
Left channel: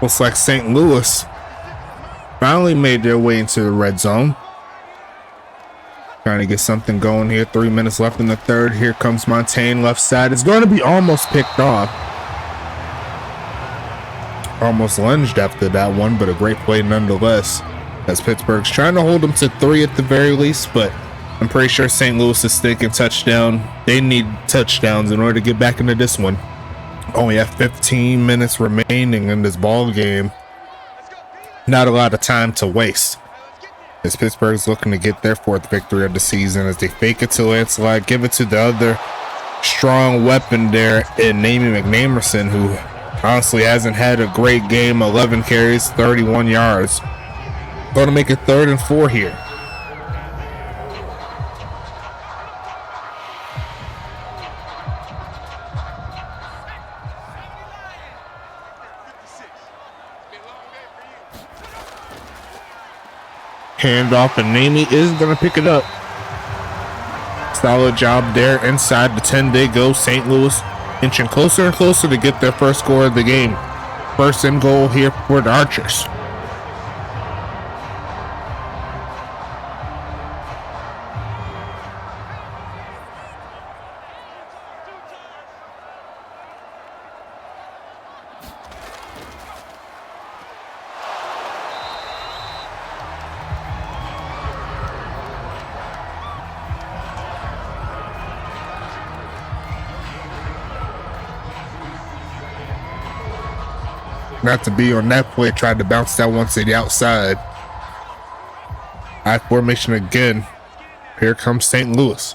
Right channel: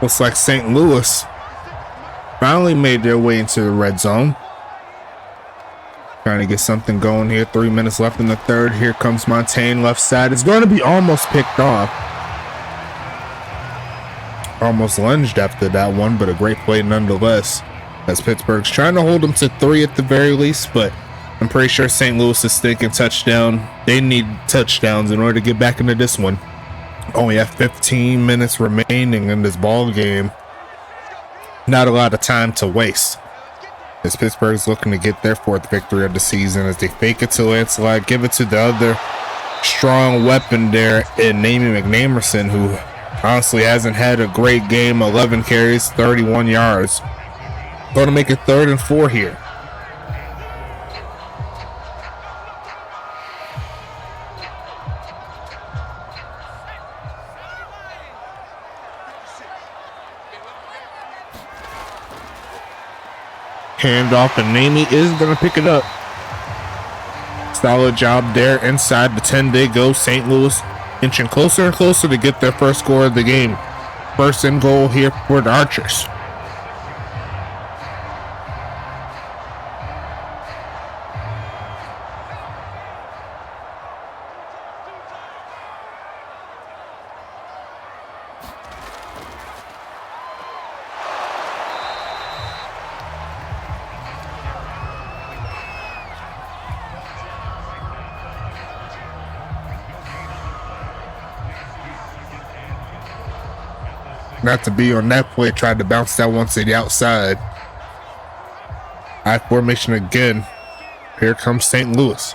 Looks like St. Louis finally made their way into the red zone. Trying to get something going here. 3 minutes left in the third. Here comes Montaigne left side. It's going to be almost picked off. Almost lunged after that one, but a great play nonetheless. As Pittsburgh's trying to hold them to 3 at the very least, but I'm pretty sure St. Louis is thinking touchdown. They need touchdowns in order to get back into this one. Only have 15 minutes remaining in this ball game. Not a lot of time to waste, as Pittsburgh's looking to get their 4th victory of the season as they fake it to Lancelot, give it to the other strong weapon there in Namie McNamerson, who honestly hasn't had a great game. 11 carries, 31 yards. Going to make it 3rd and 4 here. Handoff, and Namie is going to pick it up. Solid job there inside the 10. They go. St. Louis inching closer and closer to get their first score of the game. 1st and goal here for the Archers. Not to be on that play, tried to bounce that one to the outside. I formation again. Here comes St. Louis.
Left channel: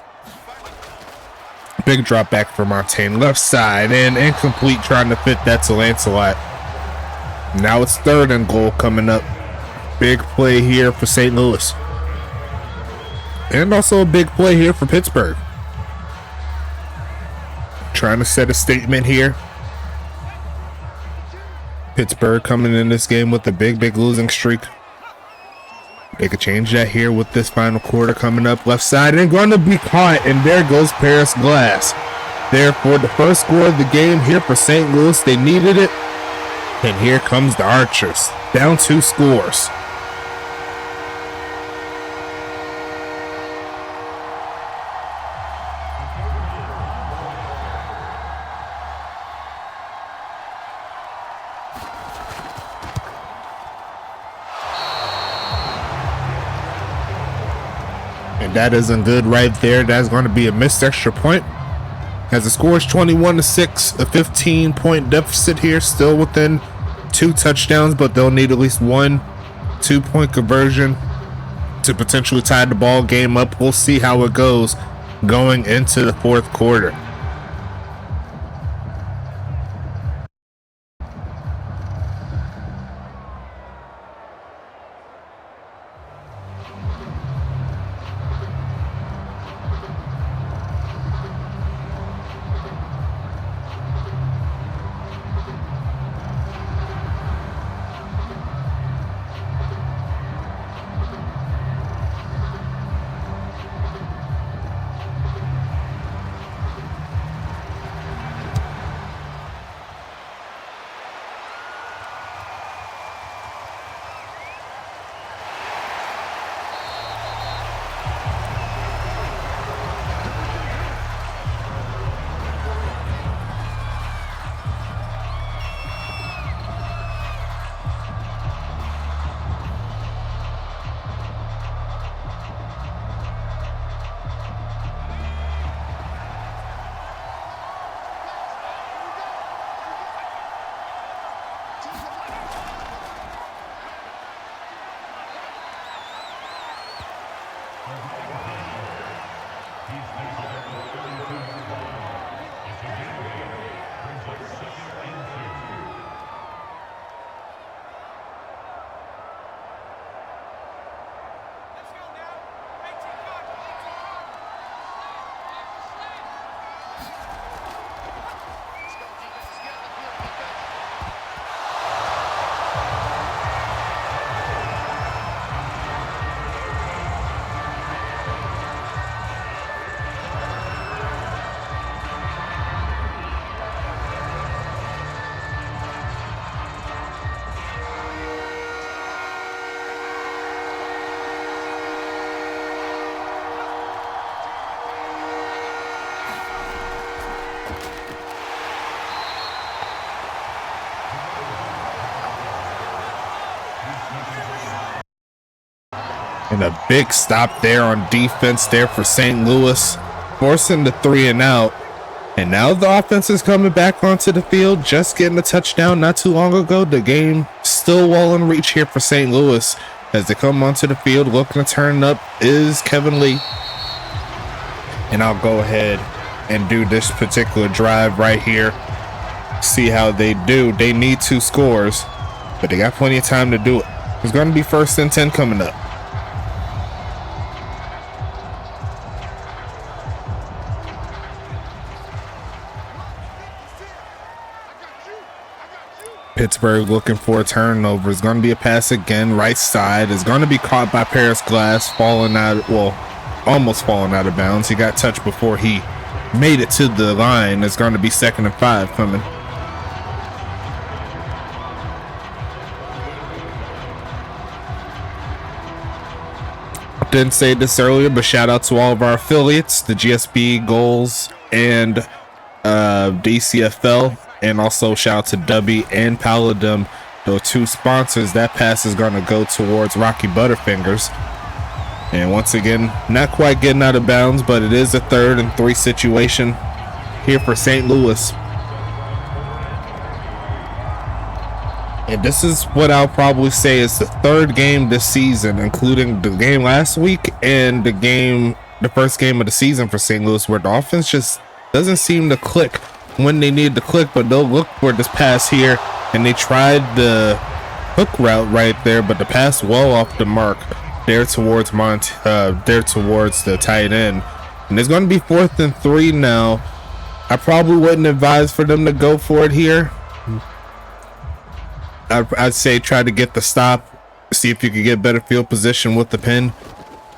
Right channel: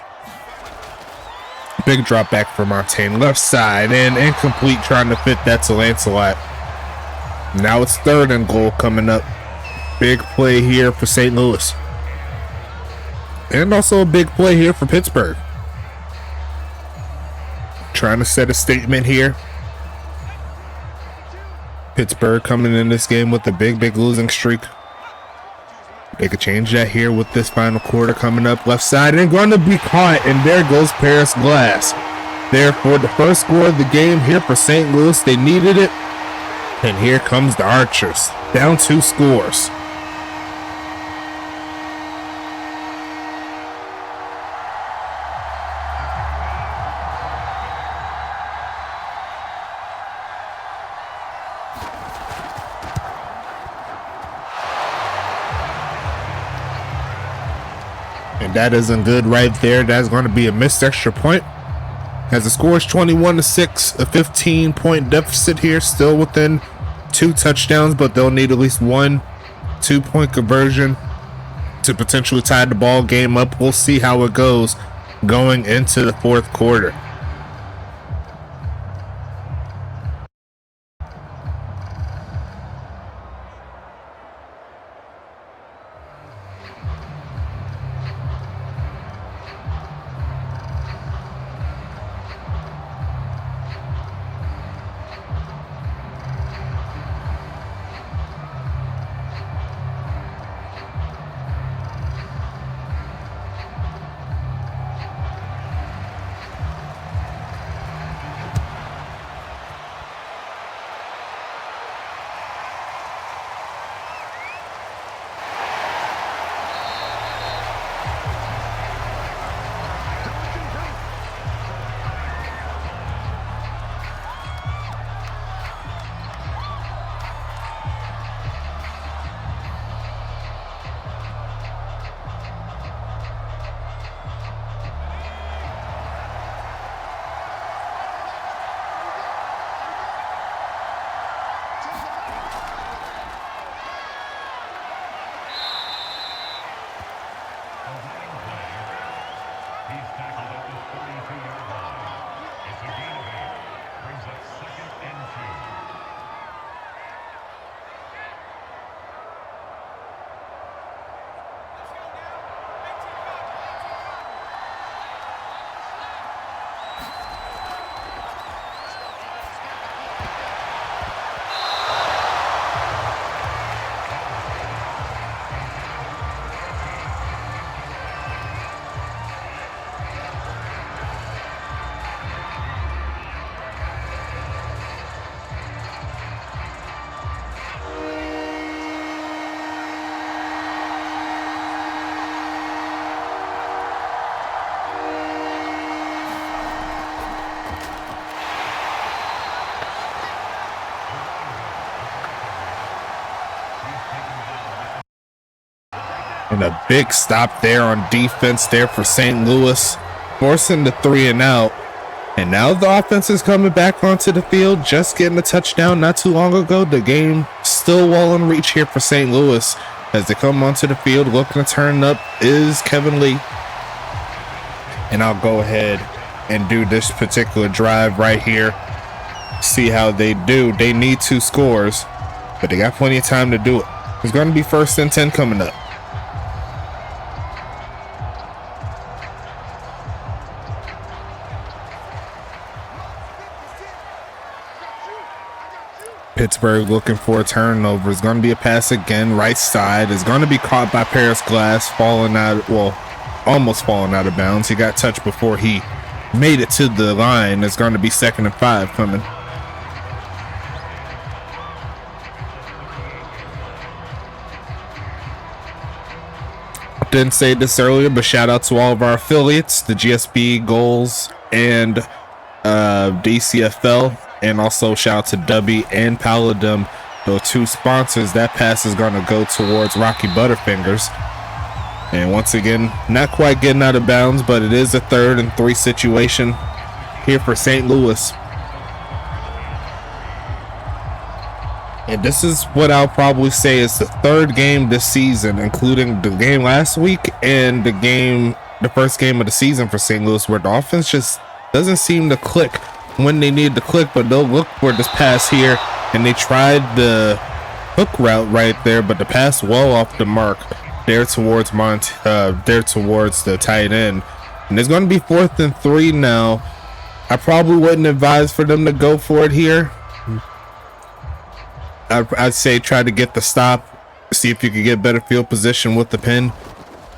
Big drop back for Montaigne, left side, and incomplete, trying to fit that to Lancelot. Now it's 3rd and goal coming up. Big play here for St. Louis. And also a big play here for Pittsburgh. Trying to set a statement here. Pittsburgh coming in this game with a big losing streak. They could change that here with this final quarter coming up. Left side and going to be caught, and there goes Paris Glass. Therefore, the first score of the game here for St. Louis. They needed it. And here comes the Archers, down 2 scores. And that isn't good right there. That's going to be a missed extra point. As the score is 21-6, a 15-point deficit here, still within 2 touchdowns, but they'll need at least 1 2-point conversion to potentially tie the ball game up. We'll see how it goes going into the 4th quarter. And a big stop there on defense there for St. Louis, forcing the 3 and out. And now the offense is coming back onto the field, just getting a touchdown not too long ago. The game still well in reach here for St. Louis as they come onto the field. Looking to turn up is Kevin Lee. And I'll go ahead and do this particular drive right here. See how they do. They need 2 scores, but they got plenty of time to do it. It's going to be 1st and 10 coming up. Pittsburgh looking for a turnover. It's going to be a pass again. Right side is going to be caught by Paris Glass, falling out, well, almost falling out of bounds. He got touched before he made it to the line. It's going to be 2nd and 5 coming. Didn't say this earlier, but shout out to all of our affiliates, the GSB, Goals, and DCFL. And also shout out to Dubby and Paladum, those 2 sponsors. That pass is going to go towards Rocky Butterfingers. And once again, not quite getting out of bounds, but it is a 3rd and 3 situation here for St. Louis. And this is what I'll probably say is the 3rd game this season, including the game last week and the first game of the season for St. Louis, where the offense just doesn't seem to click when they need to click. But they'll look for this pass here, and they tried the hook route right there, but the pass well off the mark there towards the tight end. And it's going to be 4th and 3 now. I probably wouldn't advise for them to go for it here. I'd say try to get the stop, see if you could get better field position with the pin.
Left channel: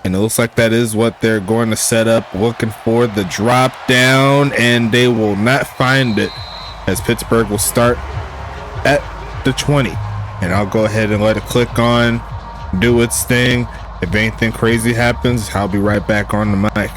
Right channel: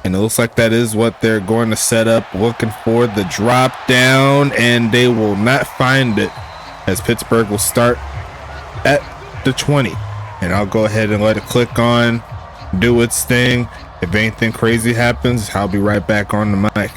And it looks like that is what they're going to set up, looking for the drop down, and they will not find it as Pittsburgh will start at the 20. And I'll go ahead and let it click on, do its thing. If anything crazy happens, I'll be right back on the mic.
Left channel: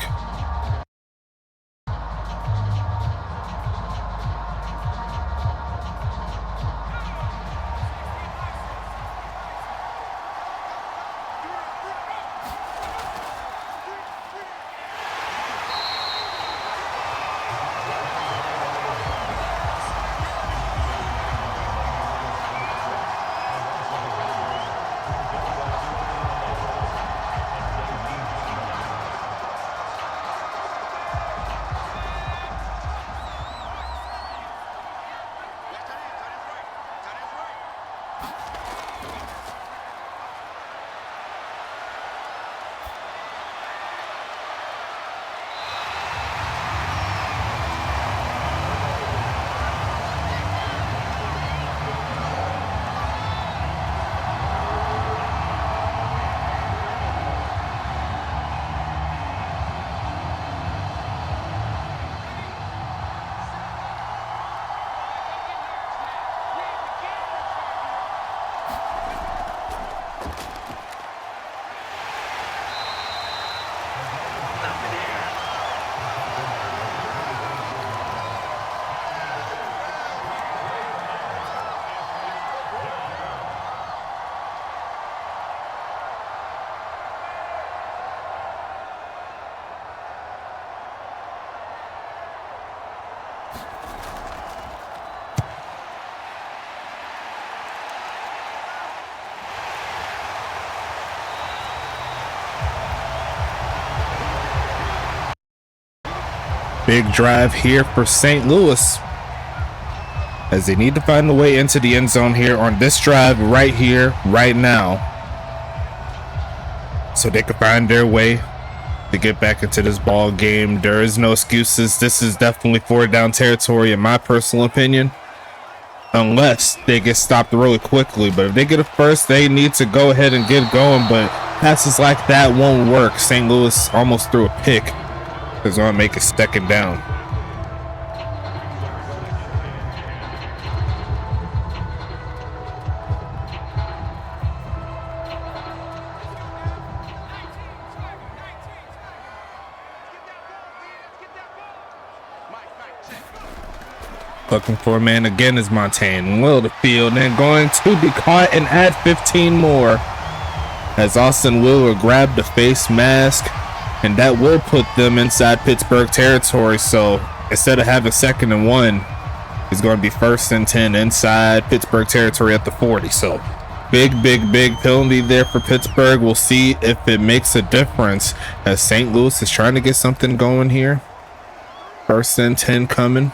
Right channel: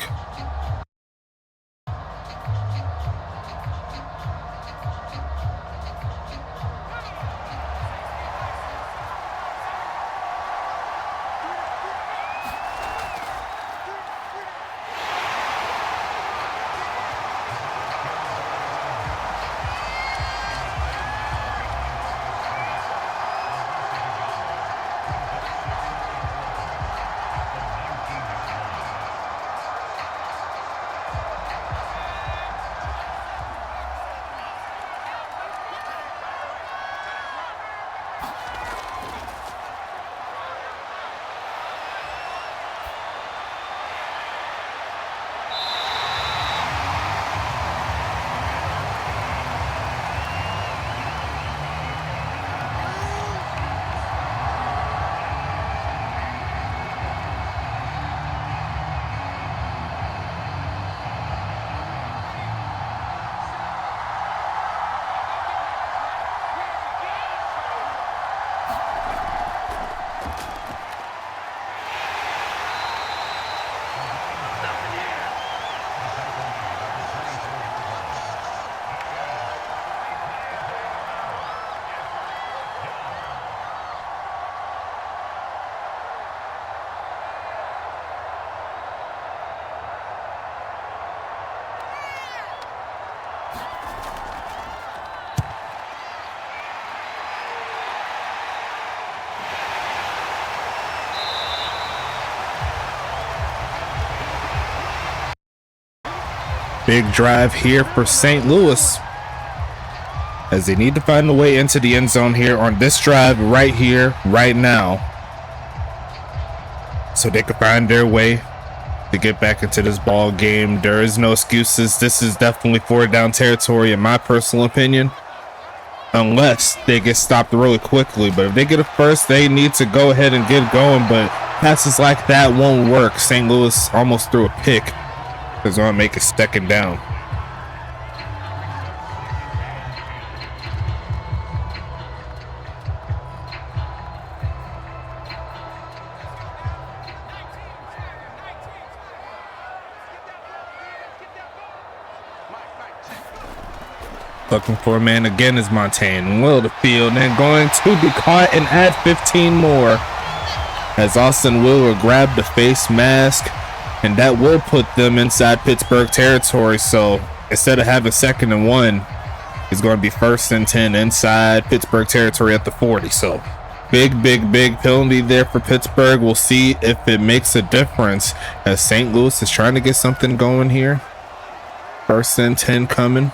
Big drive here for St. Louis as they need to find a way into the end zone here on this drive right here, right now, so they can find their way to get back into this ball game. There is no excuses. This is definitely 4th down territory in my personal opinion, unless they get stopped really quickly. But if they get a first, they need to go ahead and get going. But passes like that won't work. St. Louis almost threw a pick. They're going to make it 2nd down. Looking for a man again is Montaigne. Will the field and going to be caught and add 15 more. as Austin Wheeler grabbed the face mask, and that will put them inside Pittsburgh territory. So instead of having 2nd and 1, it's going to be 1st and 10 inside Pittsburgh territory at the 40. So big penalty there for Pittsburgh. We'll see if it makes a difference as St. Louis is trying to get something going here. 1st and 10 coming.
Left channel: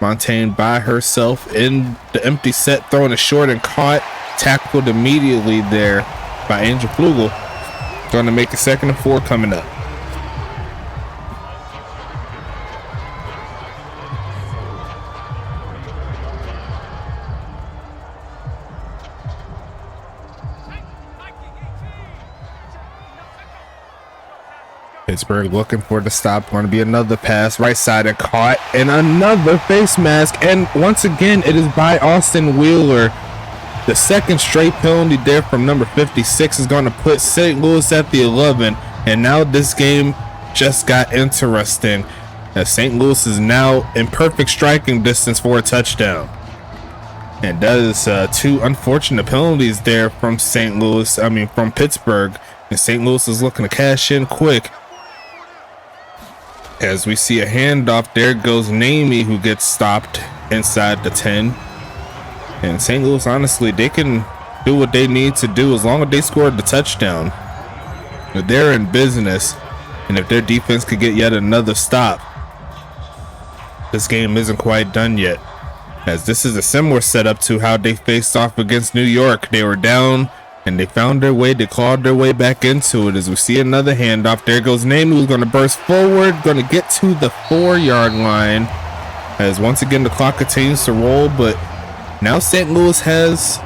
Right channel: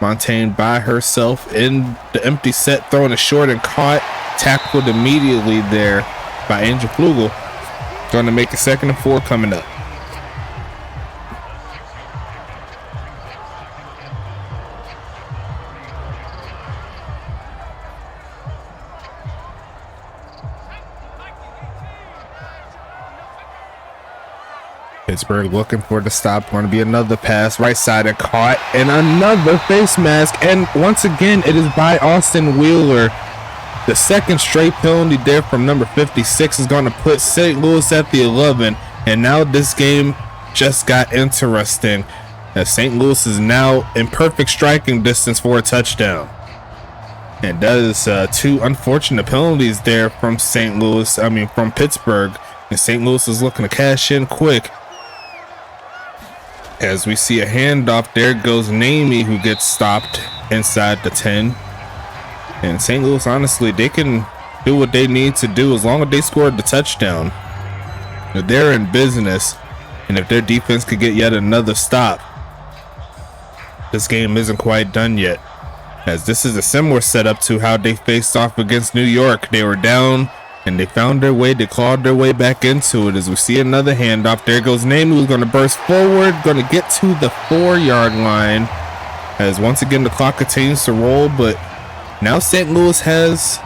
Montaigne by herself in the empty set, throwing a short and caught, tackled immediately there by Angel Flugel. Going to make a 2nd and 4 coming up. Pittsburgh looking for the stop. Going to be another pass right side and caught, and another face mask, and once again it is by Austin Wheeler. The 2nd straight penalty there from number 56 is going to put St. Louis at the 11, and now this game just got interesting as St. Louis is now in perfect striking distance for a touchdown. And that is 2 unfortunate penalties there from from Pittsburgh, and St. Louis is looking to cash in quick. As we see a handoff, there goes Namey, who gets stopped inside the 10. And St. Louis, honestly, they can do what they need to do as long as they scored the touchdown. They're in business, and if their defense could get yet another stop, this game isn't quite done yet. As this is a similar setup to how they faced off against New York. They were down, and they found their way, they clawed their way back into it. As we see another handoff, there goes Namey, who's going to burst forward, going to get to the 4-yard line. As once again the clock continues to roll, but now St. Louis has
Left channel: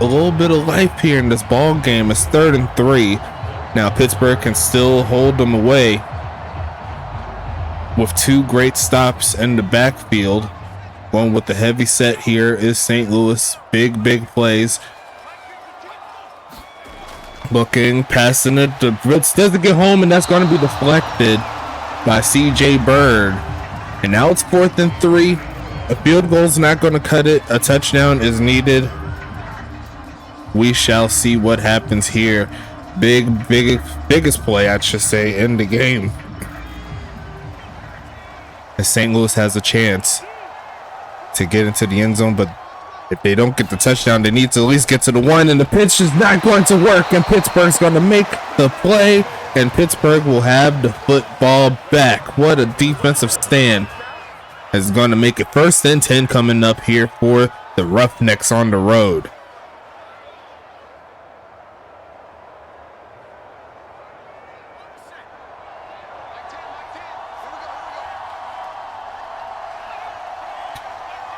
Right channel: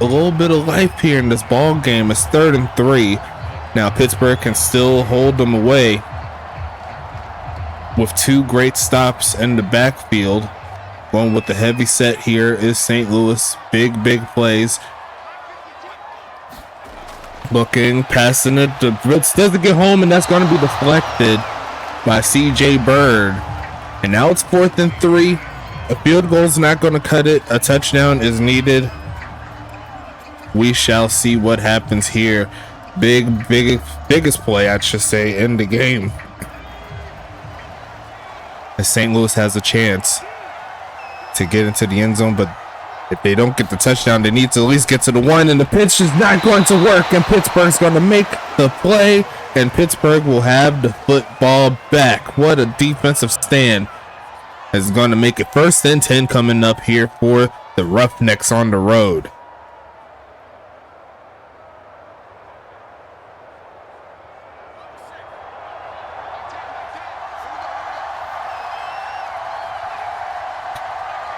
a little bit of life here in this ball game. It's 3rd and 3. Now Pittsburgh can still hold them away with 2 great stops in the backfield. One with the heavy set here is St. Louis. Big plays. Looking, passing it. The blitz doesn't get home, and that's going to be deflected by CJ Bird. And now it's 4th and 3. A field goal is not going to cut it. A touchdown is needed. We shall see what happens here. Biggest play, I should say, in the game. As St. Louis has a chance to get into the end zone, but if they don't get the touchdown, they need to at least get to the 1, and the pitch is not going to work, and Pittsburgh's going to make the play, and Pittsburgh will have the football back. What a defensive stand. Is going to make it 1st and 10 coming up here for the Roughnecks on the road.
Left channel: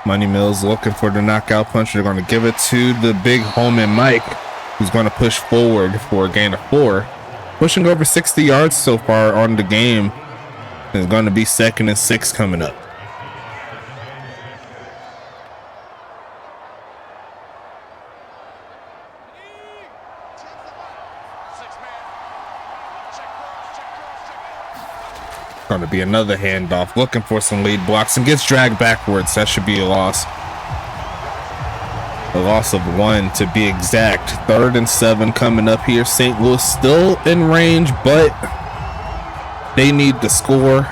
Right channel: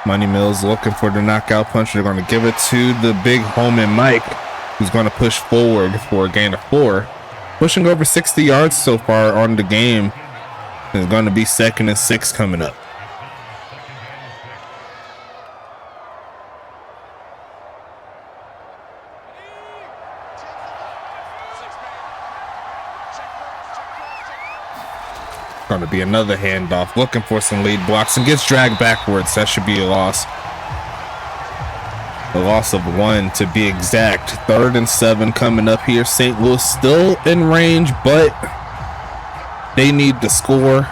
Money Mills looking for the knockout punch. They're going to give it to the big Holman Mike, who's going to push forward for a gain of 4. Pushing over 60 yards so far on the game. It's going to be 2nd and 6 coming up. Going to be another handoff, looking for some lead blocks, and gets dragged backwards. That should be a loss. A loss of 1 to be exact. 3rd and 7 coming up here. St. Louis still in range, but they need to score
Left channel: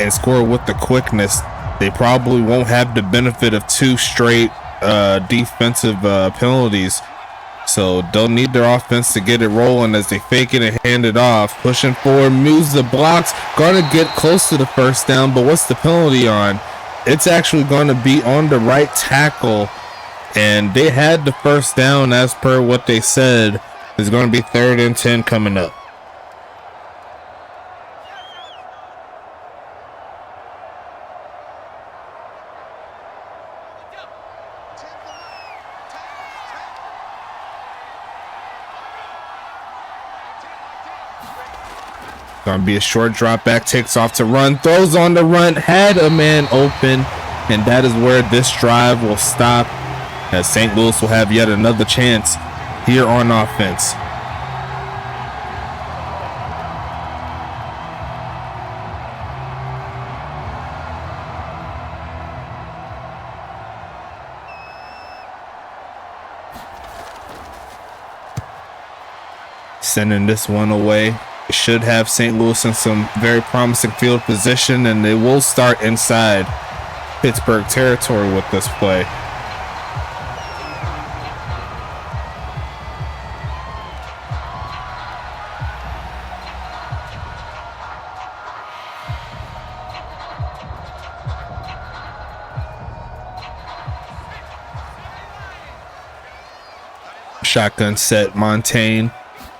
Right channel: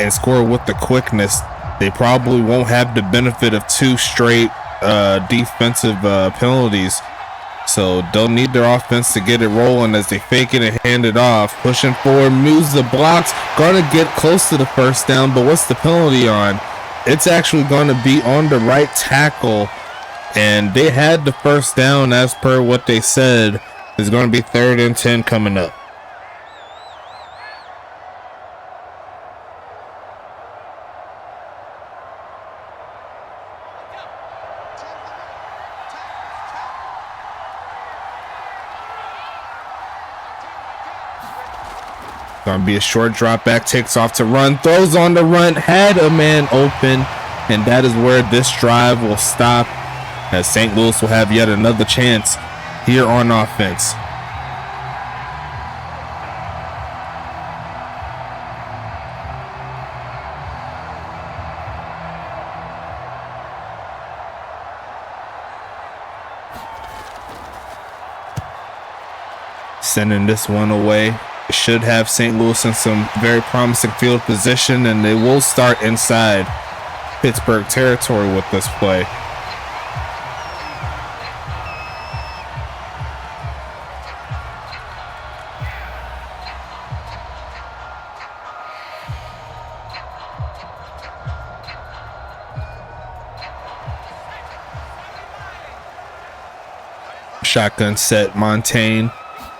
and score with the quickness. They probably won't have the benefit of 2 straight defensive penalties. So they'll need their offense to get it rolling as they fake it and hand it off. Pushing forward, moves the blocks. Going to get close to the 1st down, but what's the penalty on? It's actually going to be on the right tackle. And they had the 1st down as per what they said. It's going to be 3rd and 10 coming up. Gonna be a short drop back, takes off to run, throws on the run, had a man open, and that is where this drive will stop, as St. Louis will have yet another chance here on offense. sending this one away. It should have St. Louis in some very promising field position, and they will start inside Pittsburgh territory with this play. Shotgun set. Montaigne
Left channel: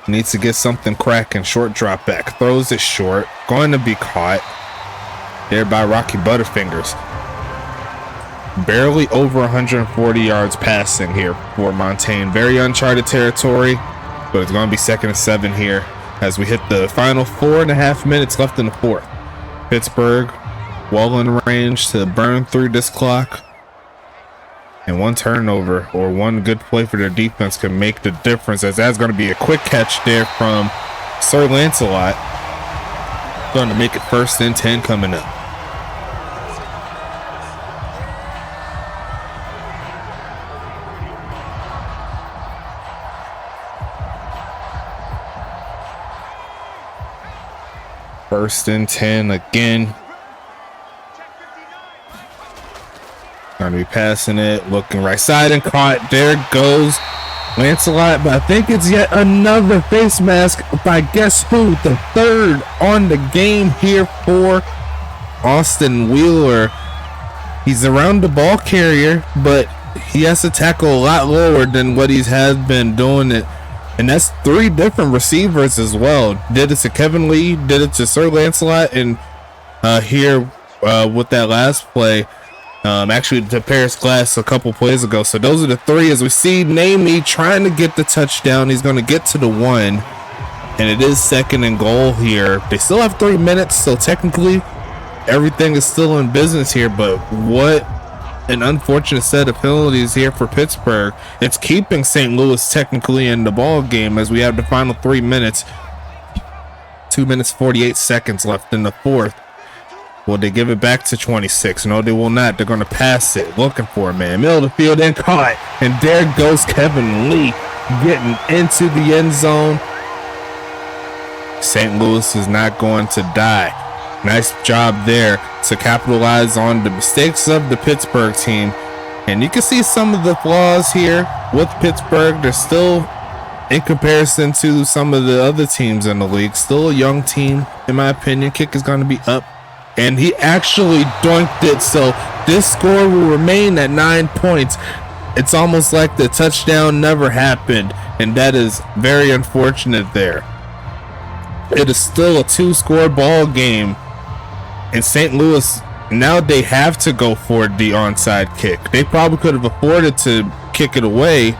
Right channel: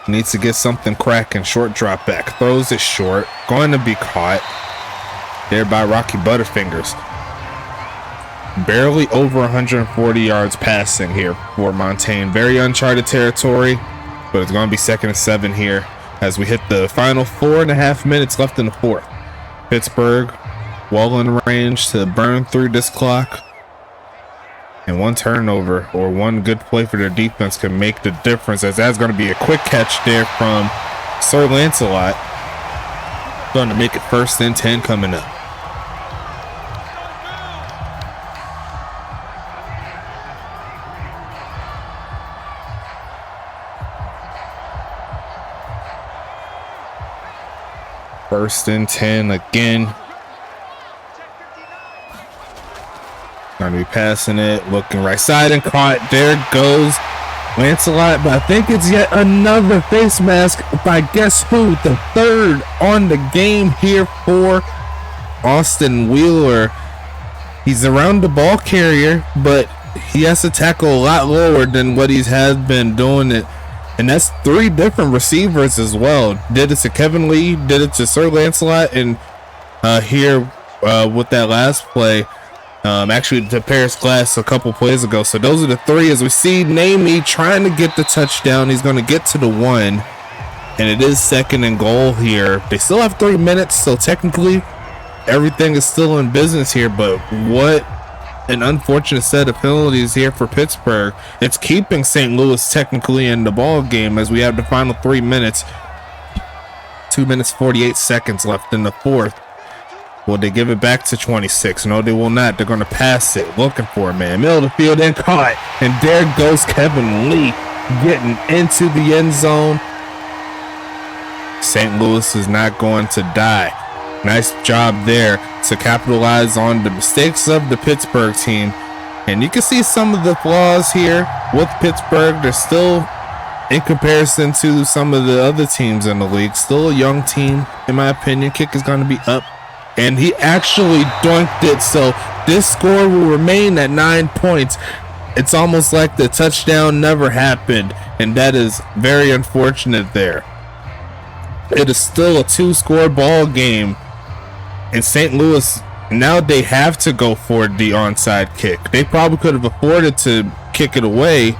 needs to get something cracking. Short drop back. Throws it short. Going to be caught there by Rocky Butterfingers. Barely over 140 yards passing here for Montaigne. Very uncharted territory, but it's going to be 2nd and 7 here as we hit the final 4.5 minutes left in the fourth. Pittsburgh well in range to burn through this clock. And one turnover or one good play for their defense can make the difference, as that's going to be a quick catch there from Sir Lancelot. Going to make it 1st and 10 coming up. First and 10 again. Going to be passing it, looking right side and caught. There goes Lancelot, but I think it's yet another face mask by guess who? The 3rd on the game here for Austin Wheeler. He's around the ball carrier, but he has to tackle a lot lower than what he has been doing it. And that's 3 different receivers as well. Did it to Kevin Lee, did it to Sir Lancelot, and here with that last play, actually to Paris Glass a couple plays ago. So those are the 3 as we see Namey trying to get the touchdown. He's going to get to the 1, and it is 2nd and goal here. They still have 3 minutes, so technically everything is still in business here, but what an unfortunate set of penalties here for Pittsburgh. It's keeping St. Louis technically in the ball game as we have the final 3 minutes. 2 minutes 48 seconds left in the fourth. Will they give it back to 26? No, they will not. They're going to pass it, looking for a man. Middle of the field and caught. And there goes Kevin Lee getting into the end zone. St. Louis is not going to die. Nice job there to capitalize on the mistakes of the Pittsburgh team. And you can see some of the flaws here with Pittsburgh. They're still, in comparison to some of the other teams in the league, still a young team, in my opinion. Kick is going to be up. And he actually dunked it, so this score will remain at 9 points. It's almost like the touchdown never happened, and that is very unfortunate there. It is still a 2-score ball game, and St. Louis, now they have to go for the onside kick. They probably could have afforded to kick it away,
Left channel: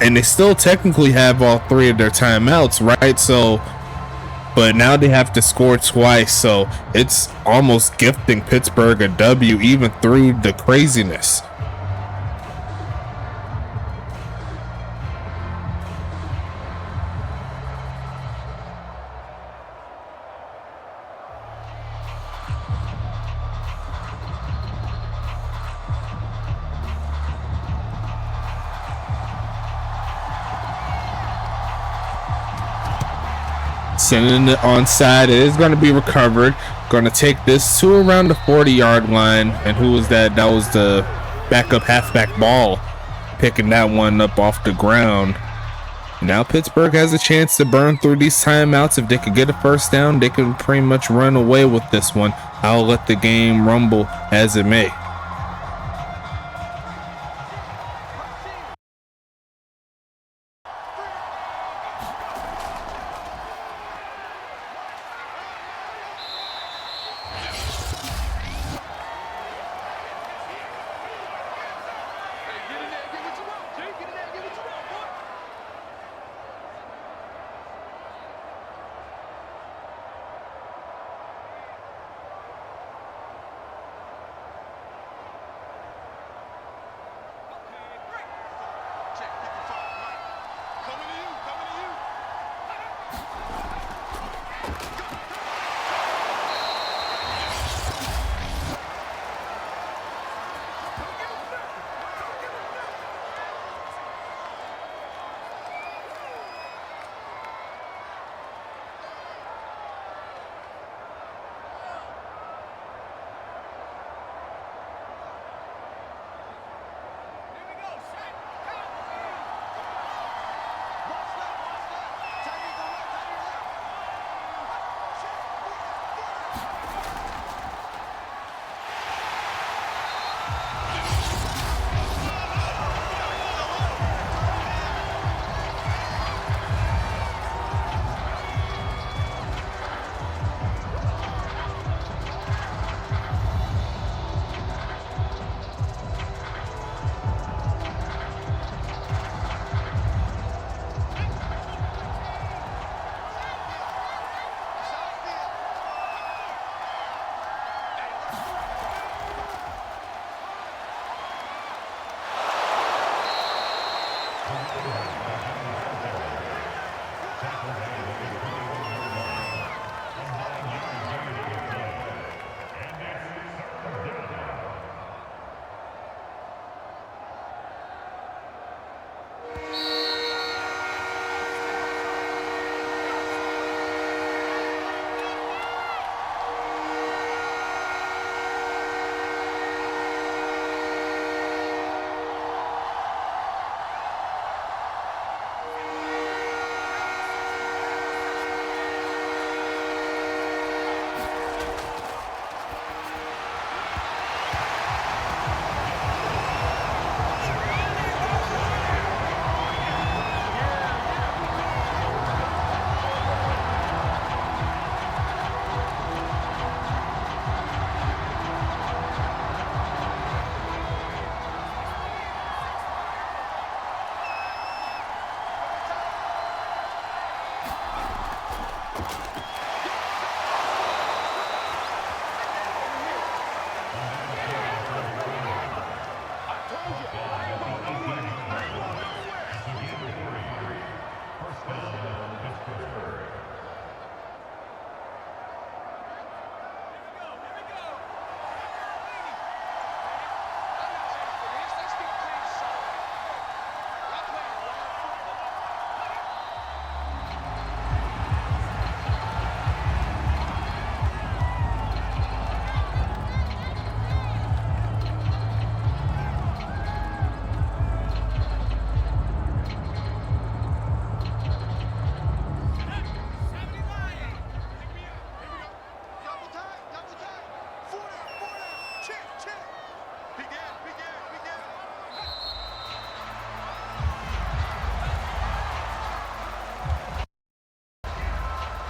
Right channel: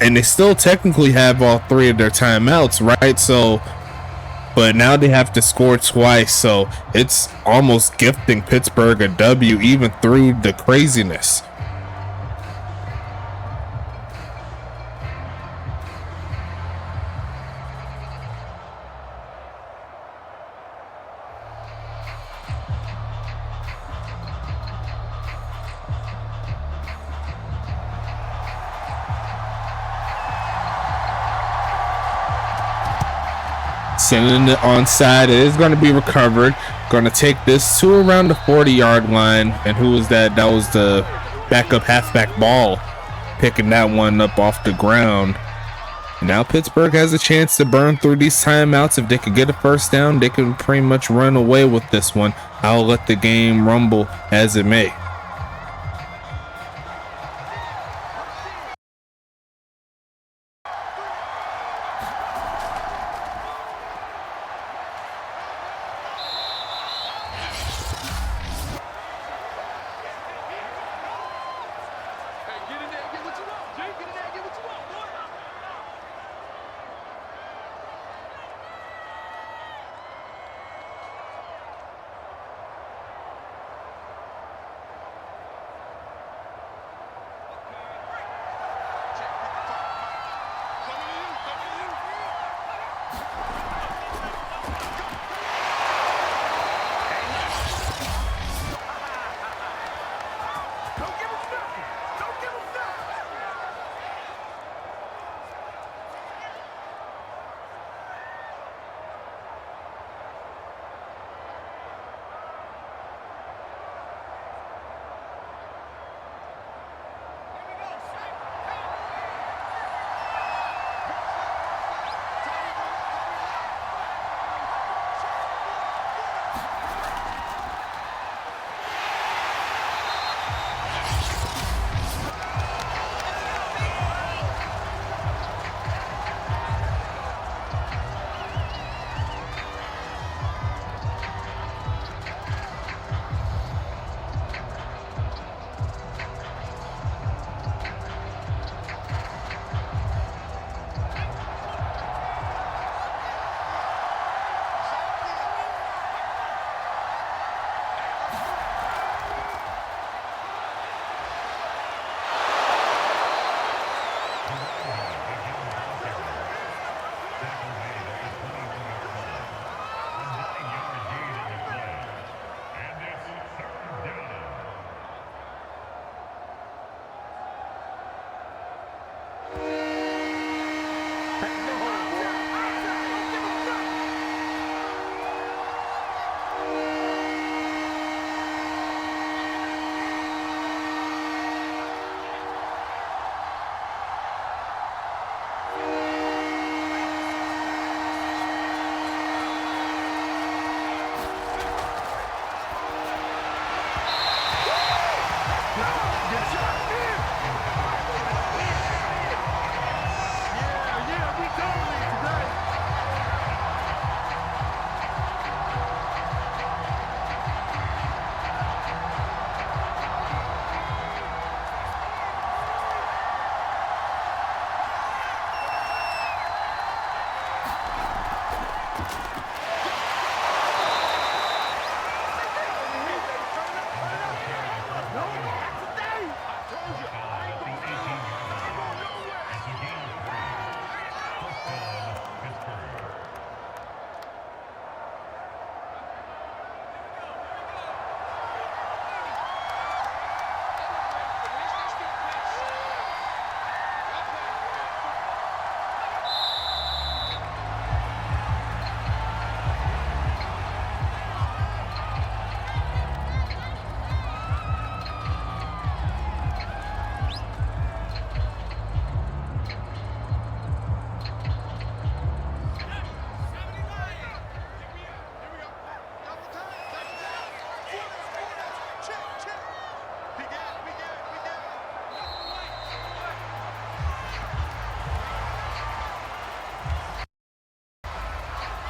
and they still technically have all 3 of their timeouts, right? So, but now they have to score twice, so it's almost gifting Pittsburgh a W even through the craziness. Sending it onside. It is going to be recovered. Going to take this to around the 40-yard line. And who was that? That was the backup halfback Ball picking that one up off the ground. And now Pittsburgh has a chance to burn through these timeouts. If they could get a first down, they can pretty much run away with this one. I'll let the game rumble as it may.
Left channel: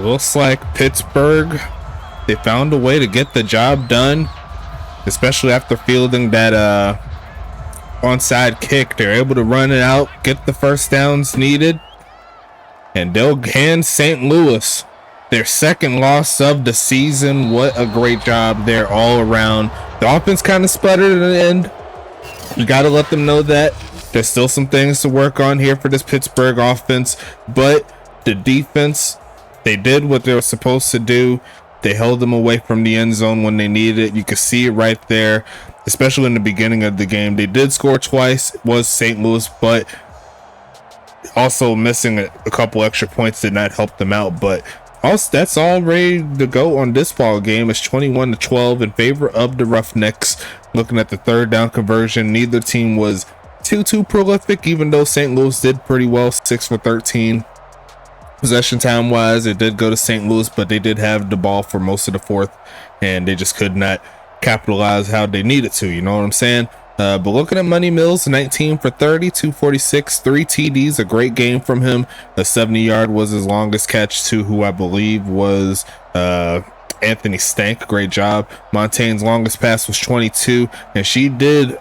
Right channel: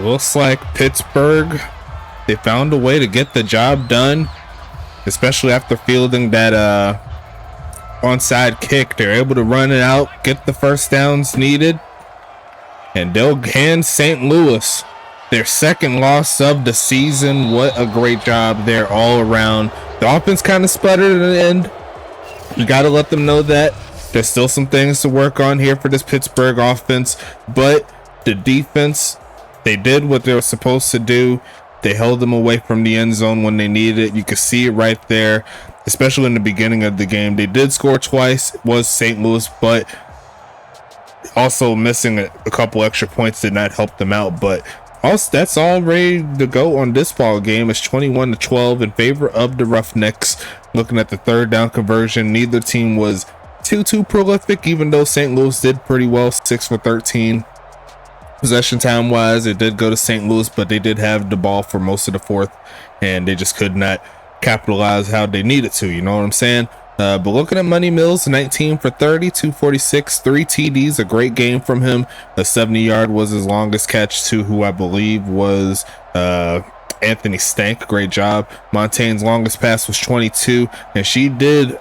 Looks like Pittsburgh, they found a way to get the job done, especially after fielding that onside kick. They're able to run it out, get the first downs needed, and they'll hand St. Louis their second loss of the season. What a great job there all around. The offense kind of sputtered at the end. You got to let them know that there's still some things to work on here for this Pittsburgh offense, but the defense, they did what they were supposed to do. They held them away from the end zone when they needed it. You could see it right there, especially in the beginning of the game. They did score twice. It was St. Louis, but also missing a couple extra points did not help them out. But also, that's all ready to go on this ball game. It's 21-12 in favor of the Roughnecks. Looking at the third down conversion, neither team was too prolific, even though St. Louis did pretty well, 6 for 13. Possession time wise, it did go to St. Louis, but they did have the ball for most of the fourth, and they just could not capitalize how they needed to. You know what I'm saying? But looking at Money Mills, 19 for 30, 246, 3 TDs, a great game from him. A 70-yard was his longest catch to who I believe was Anthony Stank. Great job. Montaigne's longest pass was 22, and she did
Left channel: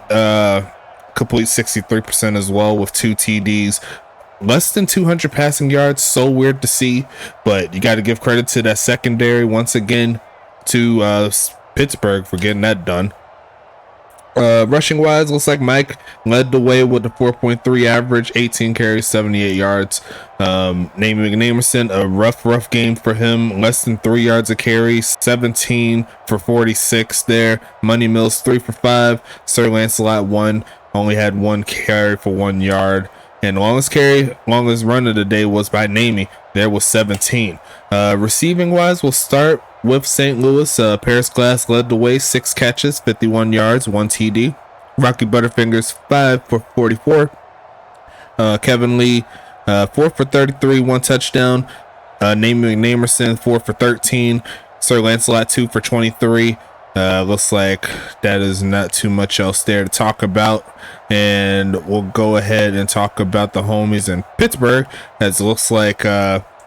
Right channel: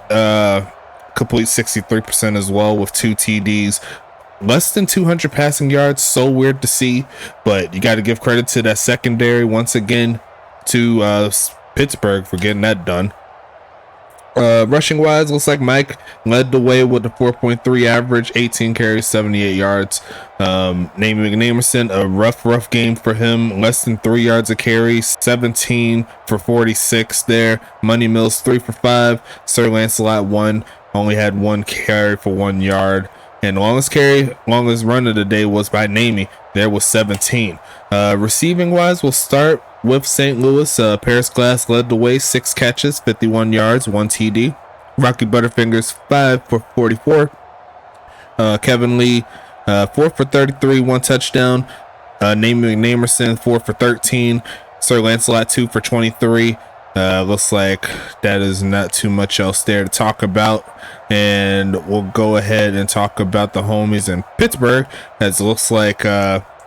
complete 63% as well with 2 TDs. Less than 200 passing yards, so weird to see, but you got to give credit to that secondary once again to Pittsburgh for getting that done. Rushing wise, looks like Mike led the way with a 4.3 average, 18 carries, 78 yards. Namey McNamerson, a rough game for him, less than 3 yards a carry, 17 for 46 there. Money Mills 3 for 5. Sir Lancelot 1, only had 1 carry for 1 yard. And longest run of the day was by Namey. There was 17. Receiving wise, we'll start with St. Louis. Paris Glass led the way, 6 catches, 51 yards, 1 TD. Rocky Butterfingers 5 for 44. Kevin Lee 4 for 33, 1 touchdown. Namey McNamerson 4 for 13. Sir Lancelot 2 for 23. Looks like that is not too much else there to talk about, and we'll go ahead and talk about the homies in Pittsburgh, as it looks like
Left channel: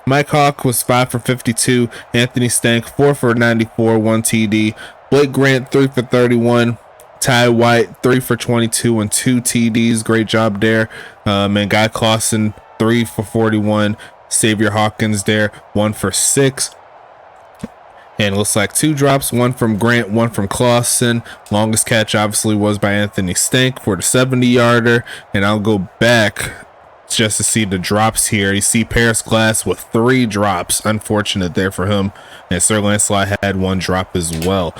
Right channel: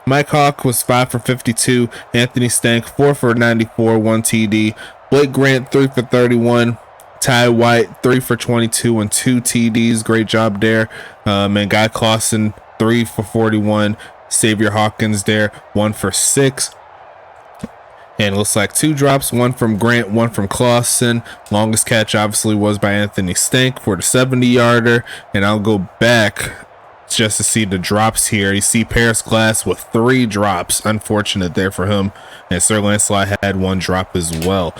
Mike Hawk was 5 for 52, Anthony Stank 4 for 94, 1 TD, Blake Grant 3 for 31, Ty White 3 for 22 and 2 TDs. Great job there. And Guy Clausen 3 for 41, Xavier Hawkins there 1 for 6. And it looks like 2 drops, 1 from Grant, 1 from Clausen. Longest catch obviously was by Anthony Stank for the 70-yarder. And I'll go back just to see the drops here. You see Paris Glass with 3 drops. Unfortunate there for him. And Sir Lancelot had 1 drop as well.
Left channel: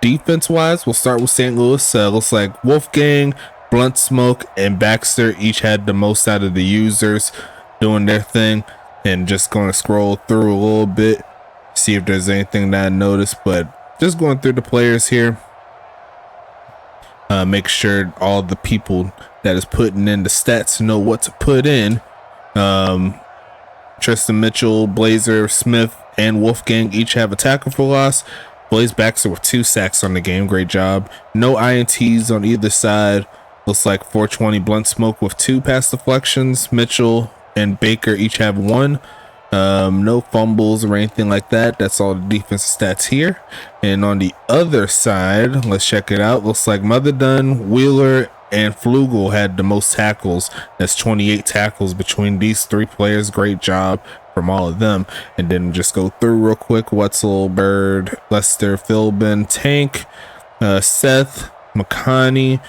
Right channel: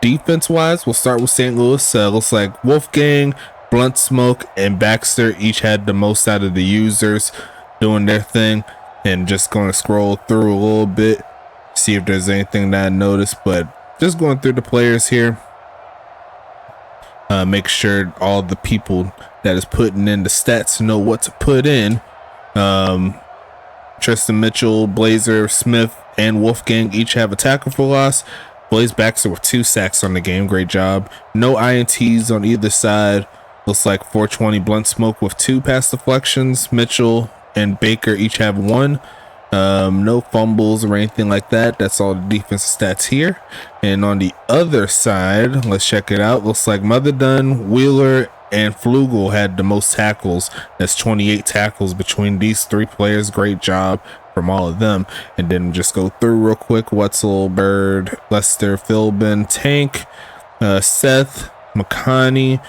Defense wise, we'll start with St. Louis. Looks like Wolfgang, Blunt Smoke, and Baxter each had the most out of the users doing their thing. And just going to scroll through a little bit, see if there's anything that I noticed. But just going through the players here. Make sure all the people that is putting in the stats know what to put in. Tristan Mitchell, Blazer, Smith, and Wolfgang each have a tackle for loss. Blaze Baxter with 2 sacks on the game. Great job. No INTs on either side. Looks like 420 Blunt Smoke with 2 pass deflections. Mitchell and Baker each have 1. No fumbles or anything like that. That's all the defensive stats here. And on the other side, let's check it out. Looks like Mother Dunn, Wheeler, and Flugel had the most tackles. That's 28 tackles between these 3 players. Great job from all of them. And then just go through real quick. Wetzel, Bird, Lester, Philbin, Tank, Seth, McConney,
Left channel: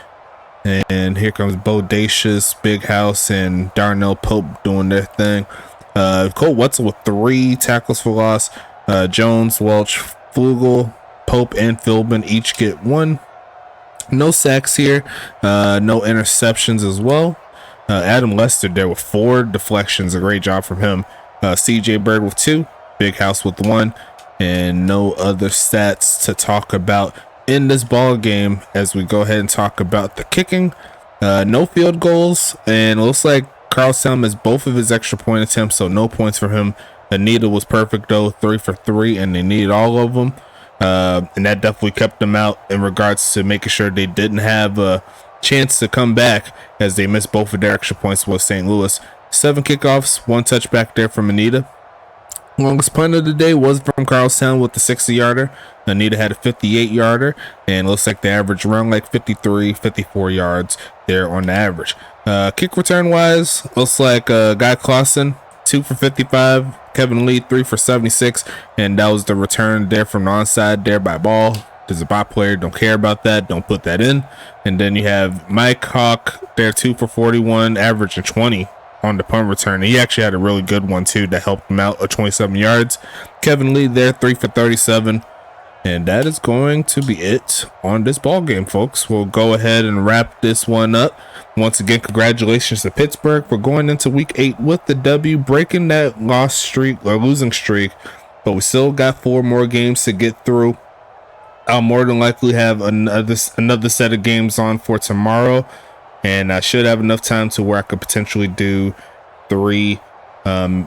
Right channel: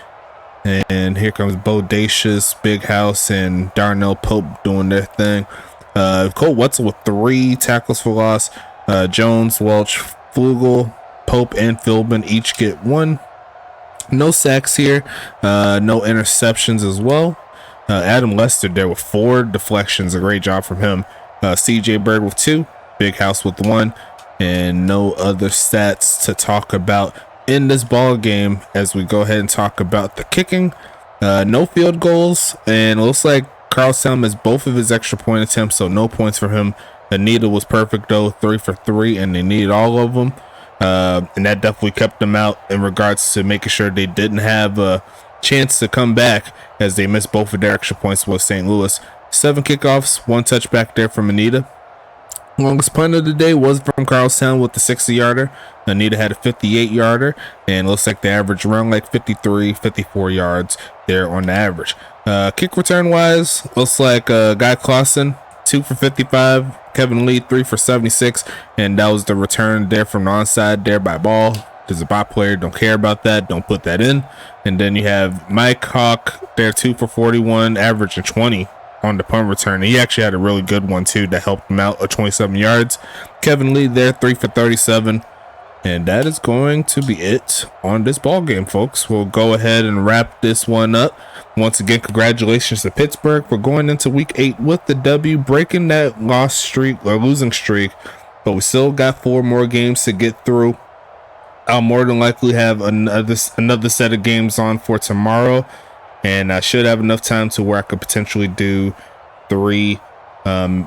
and here comes Bodacious, Big House, and Darnell Pope doing their thing. Cole Wetzel with 3 tackles for loss. Jones, Welch, Flugel, Pope, and Philbin each get 1. No sacks here. No interceptions as well. Adam Lester there with 4 deflections. A great job from him. CJ Bird with 2. Big House with 1. And no other stats to talk about in this ball game as we go ahead and talk about the kicking. No field goals. And it looks like Carlstown missed both of his extra point attempts, so no points for him. Anita was perfect though, 3 for 3, and they needed all of them. And that definitely kept them out in regards to making sure they didn't have a chance to come back as they missed both of their extra points with St. Louis. 7 kickoffs, 1 touchback there from Anita. Longest punt of the day was from Carlstown with the 60-yarder. Anita had a 58-yarder, and looks like the average around like 53, 54 yards there on the average. Kick return wise, looks like Guy Clausen, 2 for 55, Kevin Lee 3 for 76, and that was the return there from the onside there by Ball. There's a bot player, don't care about that, don't put that in. And then you have Mike Hawk there, 2 for 41, averaging 20 on the punt return. He actually had a really good one too that helped him out at 27 yards. Kevin Lee there, 3 for 37. And that is going to be it on this ball game, folks. We'll go ahead and wrap this one up. Once again, congratulations to Pittsburgh. We're going into week 8 with the W, breaking that losing streak. But we still got 4 more games to get through. I'll more than likely have another set of games on for tomorrow. And I should have enough time to where I could potentially do 3,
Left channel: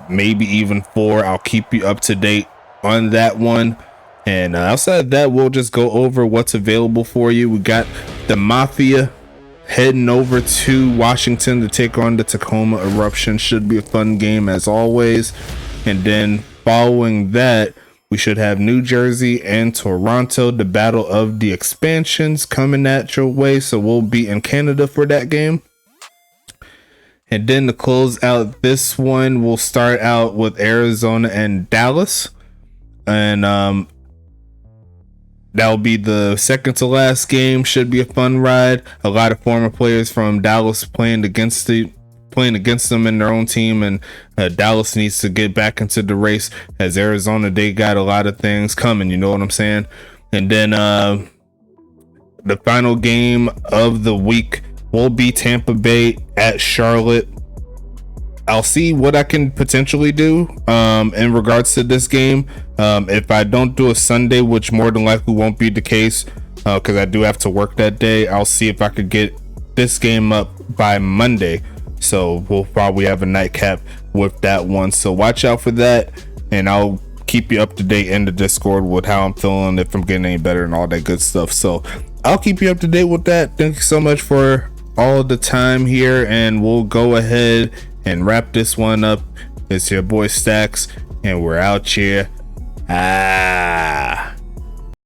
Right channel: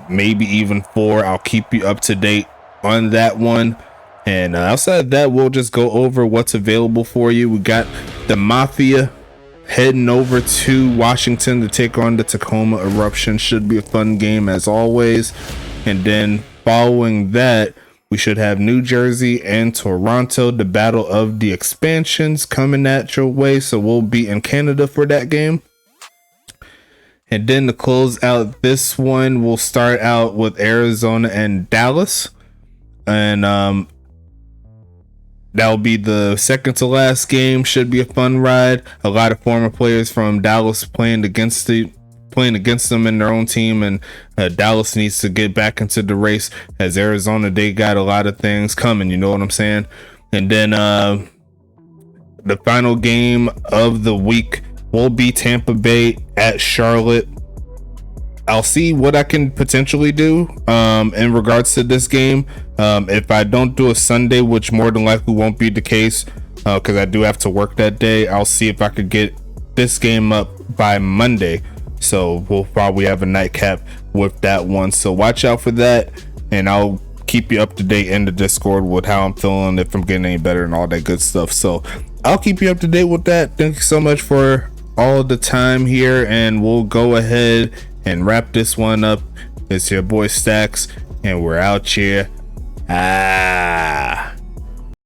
maybe even 4. I'll keep you up to date on that one. And outside of that, we'll just go over what's available for you. We got the Mafia heading over to Washington to take on the Tacoma Eruption. Should be a fun game as always. And then following that, we should have New Jersey and Toronto, the battle of the expansions coming at your way. So we'll be in Canada for that game. And then to close out this one, we'll start out with Arizona and Dallas. And that'll be the second to last game. Should be a fun ride. A lot of former players from Dallas playing against them in their own team, and Dallas needs to get back into the race as Arizona, they got a lot of things coming, you know what I'm saying? And then the final game of the week will be Tampa Bay at Charlotte. I'll see what I can potentially do in regards to this game. If I don't do a Sunday, which more than likely won't be the case because I do have to work that day, I'll see if I could get this game up by Monday. So we'll probably have a nightcap with that one. So watch out for that, and I'll keep you up to date in the Discord with how I'm feeling, if I'm getting any better and all that good stuff. So I'll keep you up to date with that. Thank you so much for all the time here, and we'll go ahead and wrap this one up. It's your boy Stacks, and we're out here.